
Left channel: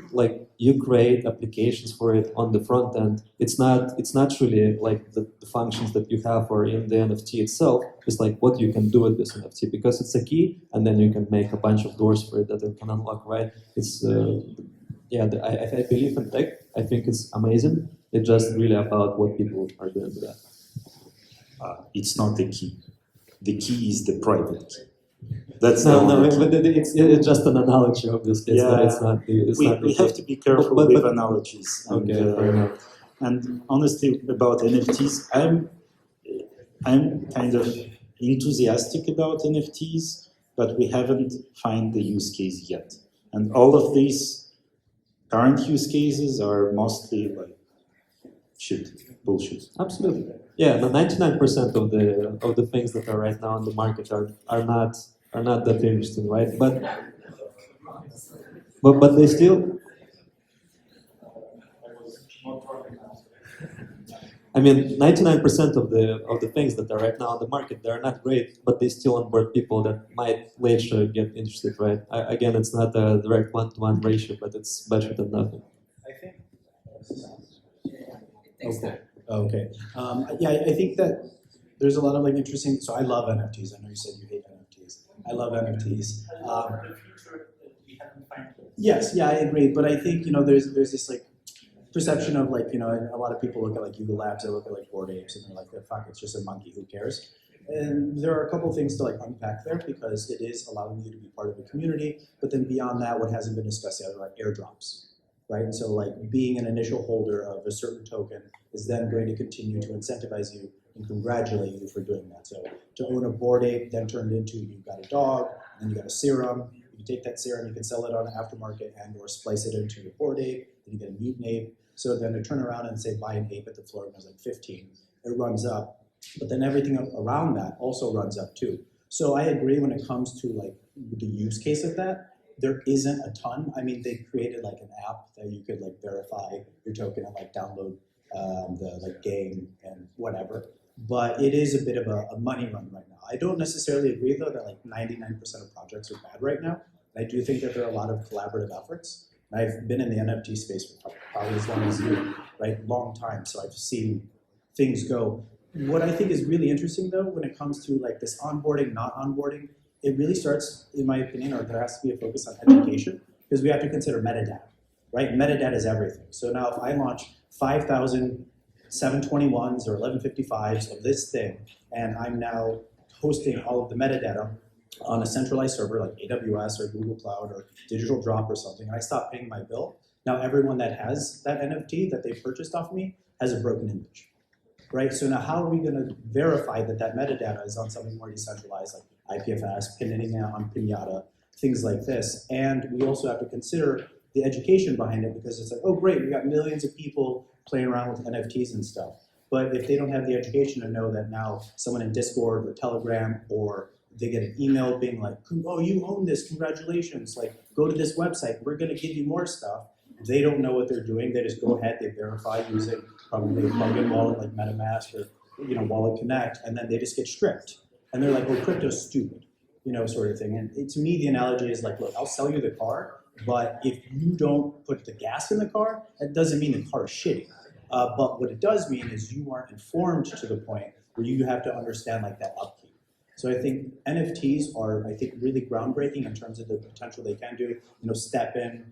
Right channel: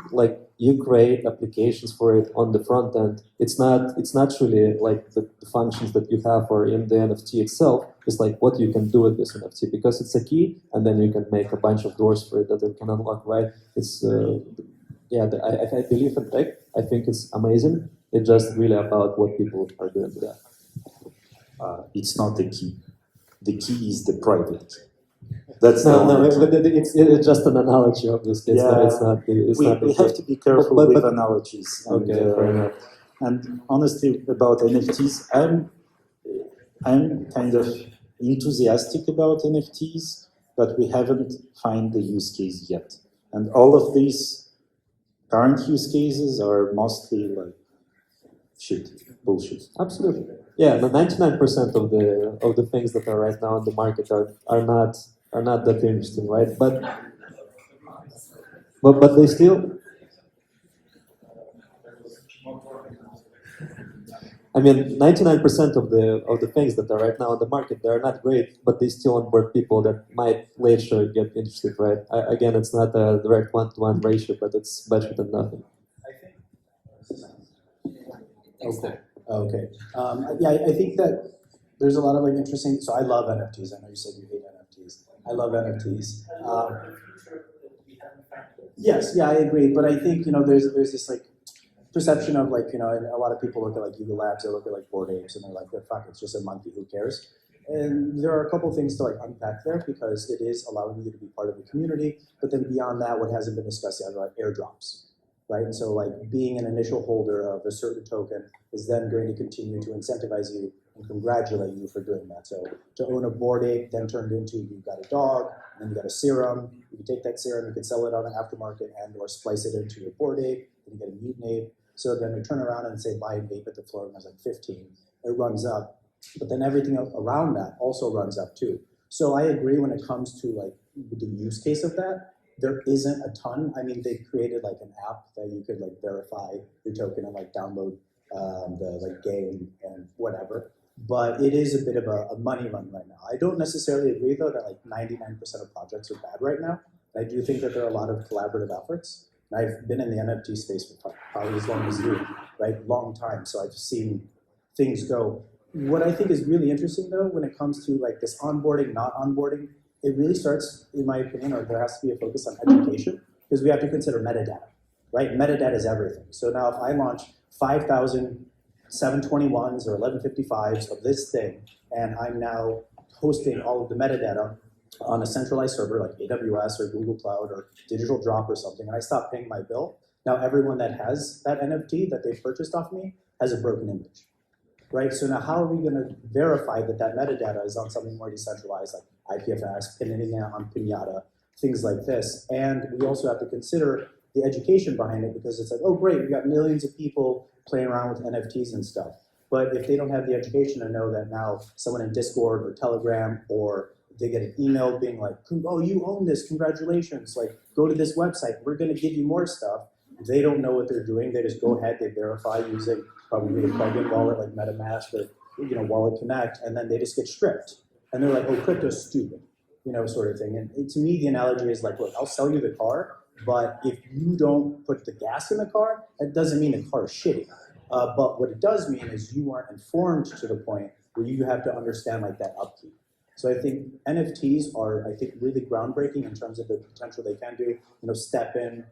you create applications for it on the front end. It's not really like the functions that you have or in the NFT itself. It's like what you can do with this NFT, because it's a key, and then you can make a bunch of doors for it that it can unlock. Right? It's I believe in tech. I think it's amazing. It's just really about what people are doing with that. It's not the key. The key is the private key. That's no, it's just an analogy, obviously. It's not we have to be careful with analogies. And, okay. And honestly, about NFTs, I'm kind of enthusiastic about NFTs, but we haven't found the use case yet. And all of these current use cases are mostly like bullshit. Absolutely. Yeah, the 99% of the things that are right now on the market are not that interesting, right? But they still. I mean, 99% of the things that are right now on the market, they're not great, but they still onboard people that might later get interested, right? Again, it's not a direct one-to-one ratio, but it's better than nothing. I think. Okay. I think that there's a lot of like interesting. So I love NFTs. I know you said you hate NFTs. I love NFTs. Yes, yeah, I agree. But I think there's this like perception of like a lot of people look at like Yuga Labs, they look at like Bored Apes, and they're like, fuck, it's just a monkey. Who cares? And there are a couple things to like unpack there, because it is allowing you to be part of a community. But then beyond that, what hasn't been discussed yet are airdrops. Right, and so like being an initial holder of a certain token is then going to continue to incentivize you and congratulate you for doing that. So to own a Bored Ape then turned into you've got a dog, and then you got a serum. You can take that serum, you can sell it on an aftermarket and or splice it into your Bored Ape. Then you get a mutant ape. So then to turn around and say buy an ape at the floor, and it was like 15, it runs up. But then everything around that also runs up too. So I agree when it comes to like the use case of that. There isn't a ton. I mean, they created like an app that you could like verify your token and like download the like game and whatever. But it is a bit of a money run right now. I don't necessarily agree though that like 99% of projects are bad right now. I do think that there are a lot of collaborative efforts. And I've been in the NFT space for probably as long as you, right? Long time. So I've seen things go. What I think is really interesting though, when it comes to like this onboarding, not onboarding, it really starts, in my opinion, or there has to be a focus on education, because we have to consider metadata, right? Metadata is everything. So now if I launch 5,000 721s or 1155s of this thing, and I'm now hosting all of the metadata on a centralized server like AWS or Google Cloud or Digital Drop or something, and I stop paying my bill, now everyone that has that NFT that they purchased off me has a broken image, right? So now how are we going to verify that that metadata is on something more decentralized like IPFS, pinning it on Pinata, things like this? And we also have to consider the education behind it, because it's like, oh great, we got millions of people playing around with NFTs and stuff. But if they don't have the education to know that now someone in Discord or Telegram, or they get an email being like, oh, you own this, congratulations, like go to this website, we're gonna give you more stuff. They don't know what they're doing, they just go ahead, they verify using probably a plugin wallet like MetaMask or Wallet Connect, and then they just get stripped. And they're like, oh, crypto's stupid, sort of thing. And to me, the analogy is like, look, I'll sell you the car, but if you don't put the gas in the car, that doesn't mean the car is shitty. But what it does mean is you aren't informed to the point where you have to understand like that upkeep. So I think NFTs are, really groundbreaking in terms of the potential they can do. StepN,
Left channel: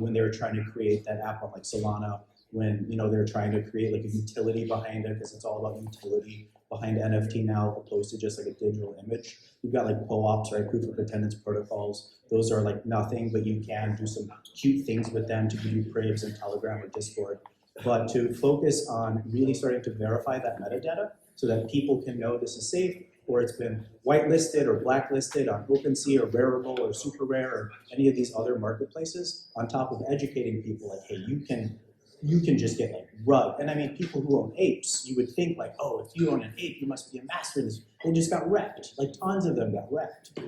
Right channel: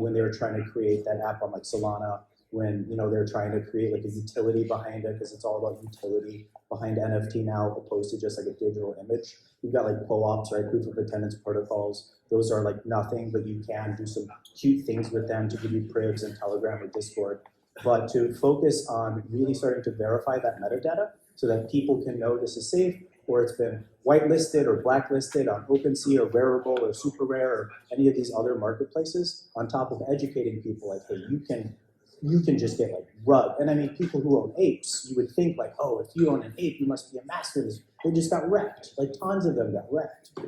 when they were trying to create that app on like Solana, when they were trying to create like a utility behind it, because it's all about utility behind NFT now, opposed to just like a digital image. You've got like POAPs, right, proof of attendance protocols. Those are like nothing, but you can do some cute things with them to give you cribs and Telegram or Discord. But to focus on really starting to verify that metadata so that people can know this is safe, or it's been whitelisted or blacklisted on OpenSea or Rarible or Super Rare or any of these other marketplaces, on top of educating people like, hey, you can just get like rugged. And I mean, people who own apes, you would think like, oh, if you own an ape, you must be a master in this. They just got wrecked. Like tons of them got wrecked.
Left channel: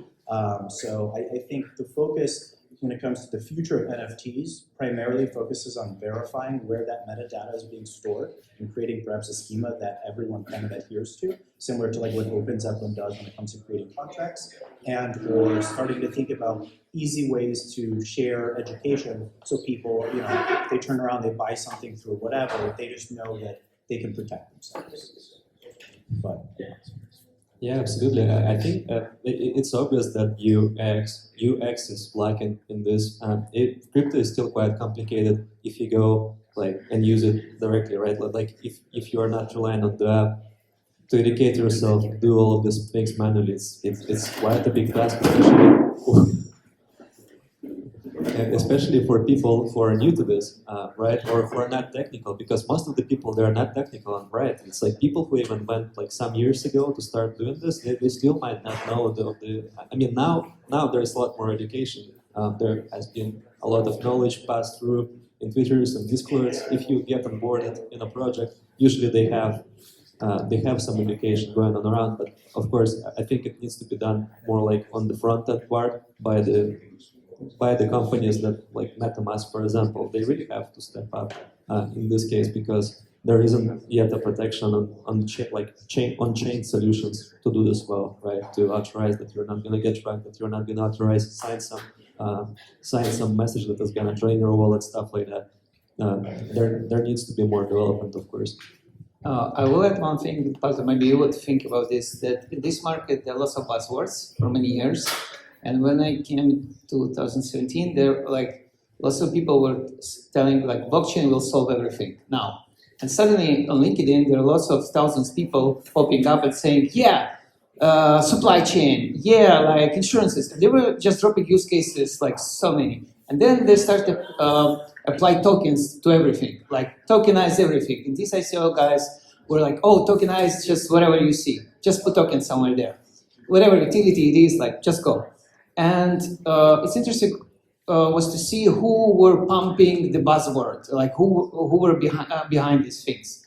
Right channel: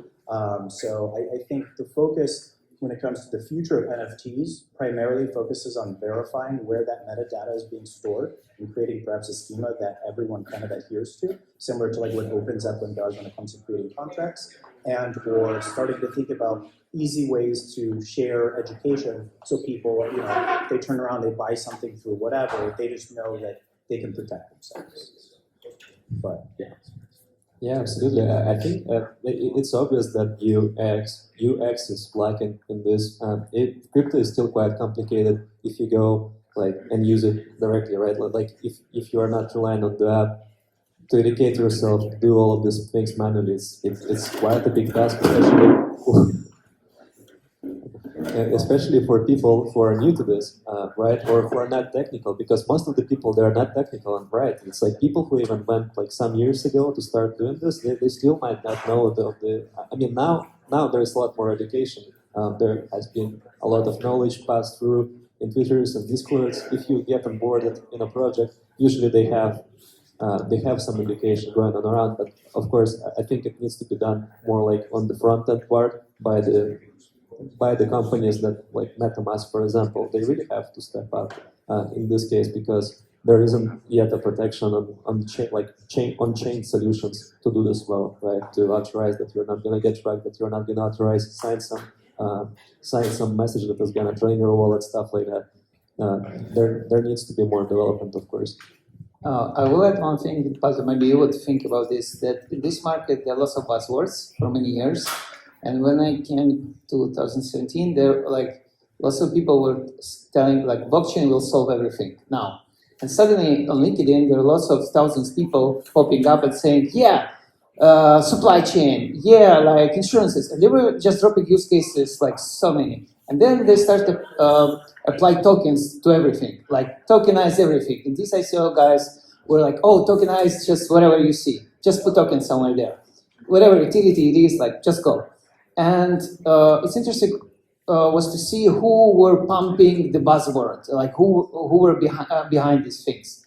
So I think the focus when it comes to the future of NFTs, primarily focuses on verifying where that metadata is being stored and creating perhaps a schema that everyone kind of adheres to, similar to like what OpenZeppelin does when it comes to creating contracts, and or starting to think about easy ways to share education so people, you know, if they turn around, they buy something through whatever, they just know that they can protect themselves. But yeah. Yeah, absolutely. I think it's obvious that UX is lacking in this. Crypto is still quite complicated if you go like and use it directly, right? Like if you are not relying on the app to educate yourself, do all of these things manually, it's quite a big task, especially for people who are new to this, right? Or who are not technical, because most of the people, they are not technical, right? It's like people who even went like some years ago to start doing this, they still might not know I mean, now there's a lot more education. There has been a lot of knowledge passed through in Twitters and Discords. If you get onboarded in a project, usually they have some education going on around, but of course, I think it needs to be done more like on the front end part by the companies that, like MetaMask, for example. They really have to step up in this case, because there isn't yet a protection on chain solutions to do this well, right? To authorize that you're not going to get tracked, that you're not going to authorize, sign some message that is going to drain your wallet, stuff like that. There needs to be more development, of course. I will add one thing, because maybe you would think about this, that in this market there are lots of buzzwords for many years. And when I came to 2017, there were like lots of people were telling like blockchain will solve everything now. And suddenly on LinkedIn, there are lots of thousands of people popping up and saying, yeah, supply chain, yeah, like insurances. And they were just dropping use cases like so many. And then they started to apply tokens to everything, like tokenize everything. And these ICO guys were like, oh, tokenize just whatever you see. Just put tokens somewhere there. Whatever utility it is, like just go. And it's interesting was to see who were pumping the buzzword, like who were behind these things.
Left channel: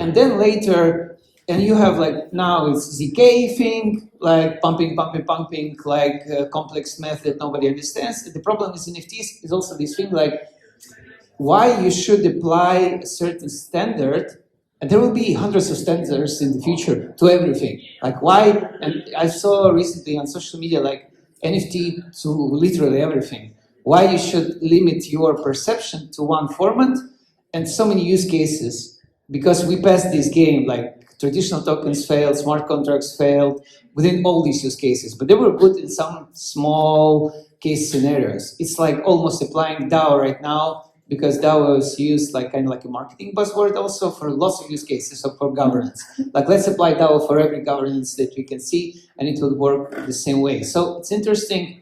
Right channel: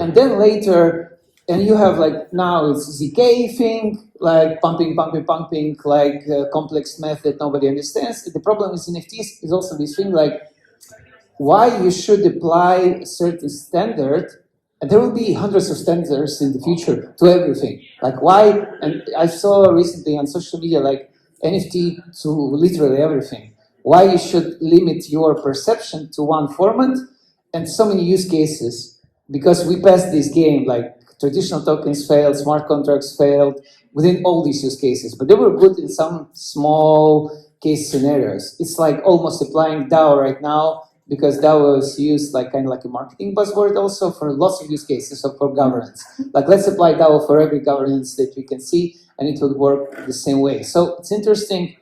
And then later, and you have like now it's ZK thing, like pumping, like complex math that nobody understands. The problem with NFTs is also this thing like why you should apply a certain standard. And there will be hundreds of standards in the future to everything. Like why, and I saw recently on social media like NFT to literally everything. Why you should limit your perception to one format and so many use cases, because we passed this game, like traditional tokens failed, smart contracts failed within all these use cases, but they were good in some small case scenarios. It's like almost applying DAO right now, because DAO was used like kind of like a marketing buzzword also for lots of use cases or for governance. Like let's apply DAO for every governance that we can see, and it will work the same way. So it's interesting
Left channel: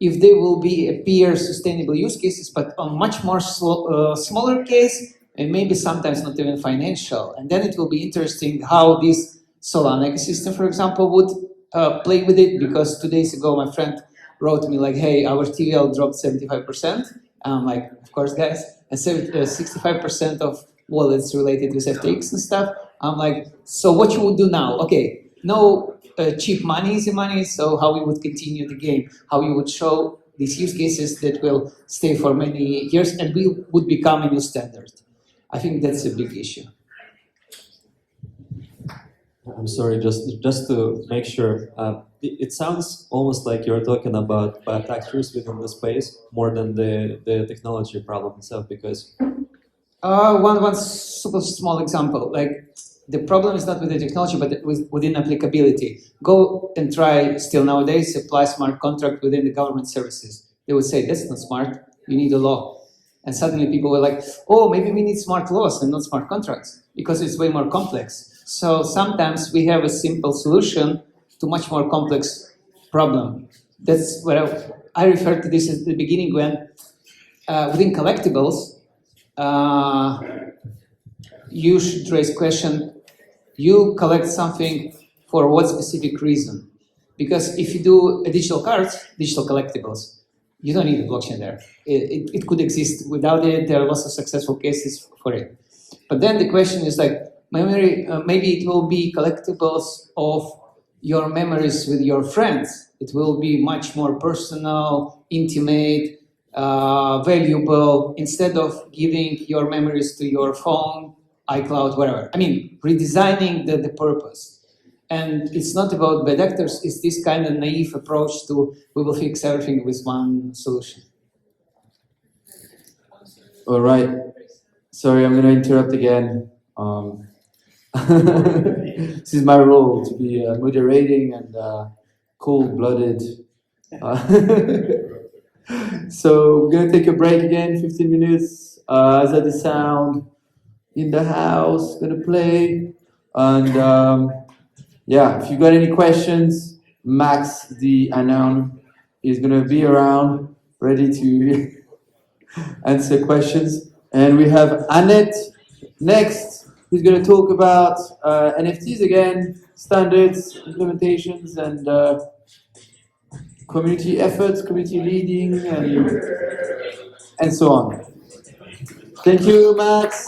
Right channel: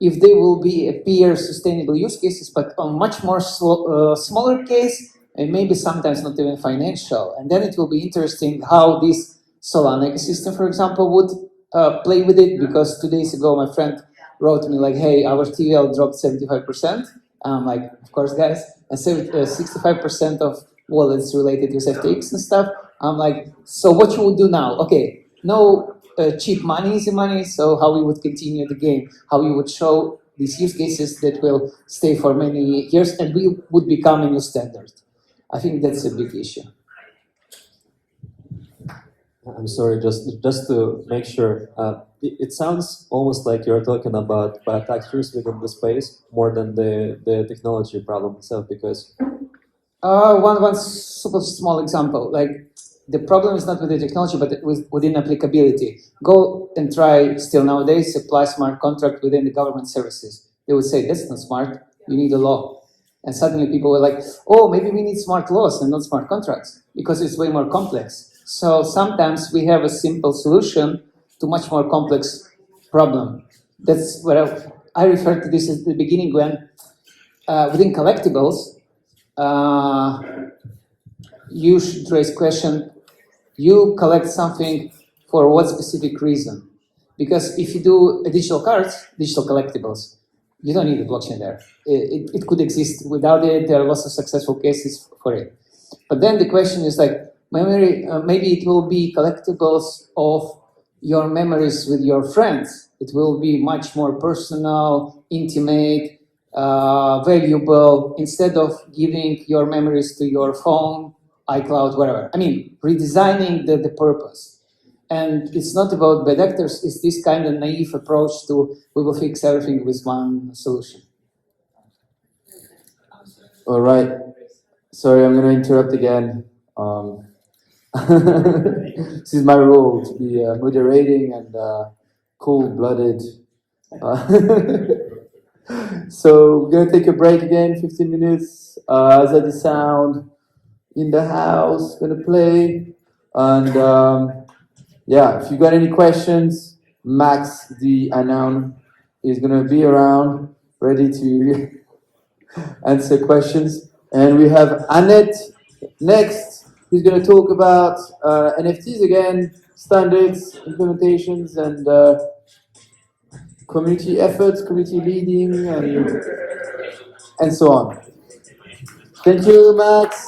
if there will be appear sustainable use cases, but on much more smaller case, and maybe sometimes not even financial. And then it will be interesting how this Solana ecosystem, for example, would play with it, because 2 days ago my friend wrote to me like, hey, our TVL dropped 75%. And I'm like, of course, guys, and 65% of wallets related with FTX and stuff. I'm like, so what you will do now? Okay, no cheap money, easy money, so how we would continue the game, how we would show these use cases that will stay for many years and we would become a new standard. I think that's a big issue. I'm sorry, just to make sure, it sounds almost like you're talking about bad actors within the space more than the technology problem itself, because... One super small example, like the problem is not with the technology, but within applicability. Go and try, still nowadays, apply smart contract within the government services. They would say, that's not smart, you need a law. And suddenly people were like, oh, maybe we need smart laws and not smart contracts, because it's way more complex. So sometimes we have a simple solution to much more complex problem. That's where I referred to this at the beginning when within collectibles, you should raise question, you collect something for what specific reason? Because if you do a digital cards, digital collectibles, you don't need a blockchain there. It could exist without it. There are lots of successful cases for it. But then the question is like, memory, maybe it will be collectibles of your memories with your friends. It will be much more personal, intimate, valuable, instead of giving your memories to your phone, iCloud, wherever. I mean, redesigning the purpose. And it's not about bad actors, it's this kind of naive approach to we will fix everything with one solution. All right. Sorry, I'm going to interrupt again. This is my role, to be moderating and cold-blooded. So we're going to take a break again, 15 minutes. Is that the sound in the house going to play? And yeah, if you got any questions, Max, the unknown, is going to be around, ready to answer questions. And we have Annette next, who's going to talk about NFTs again, standards, implementations, and community efforts, community leading, and so on. Thank you, Max.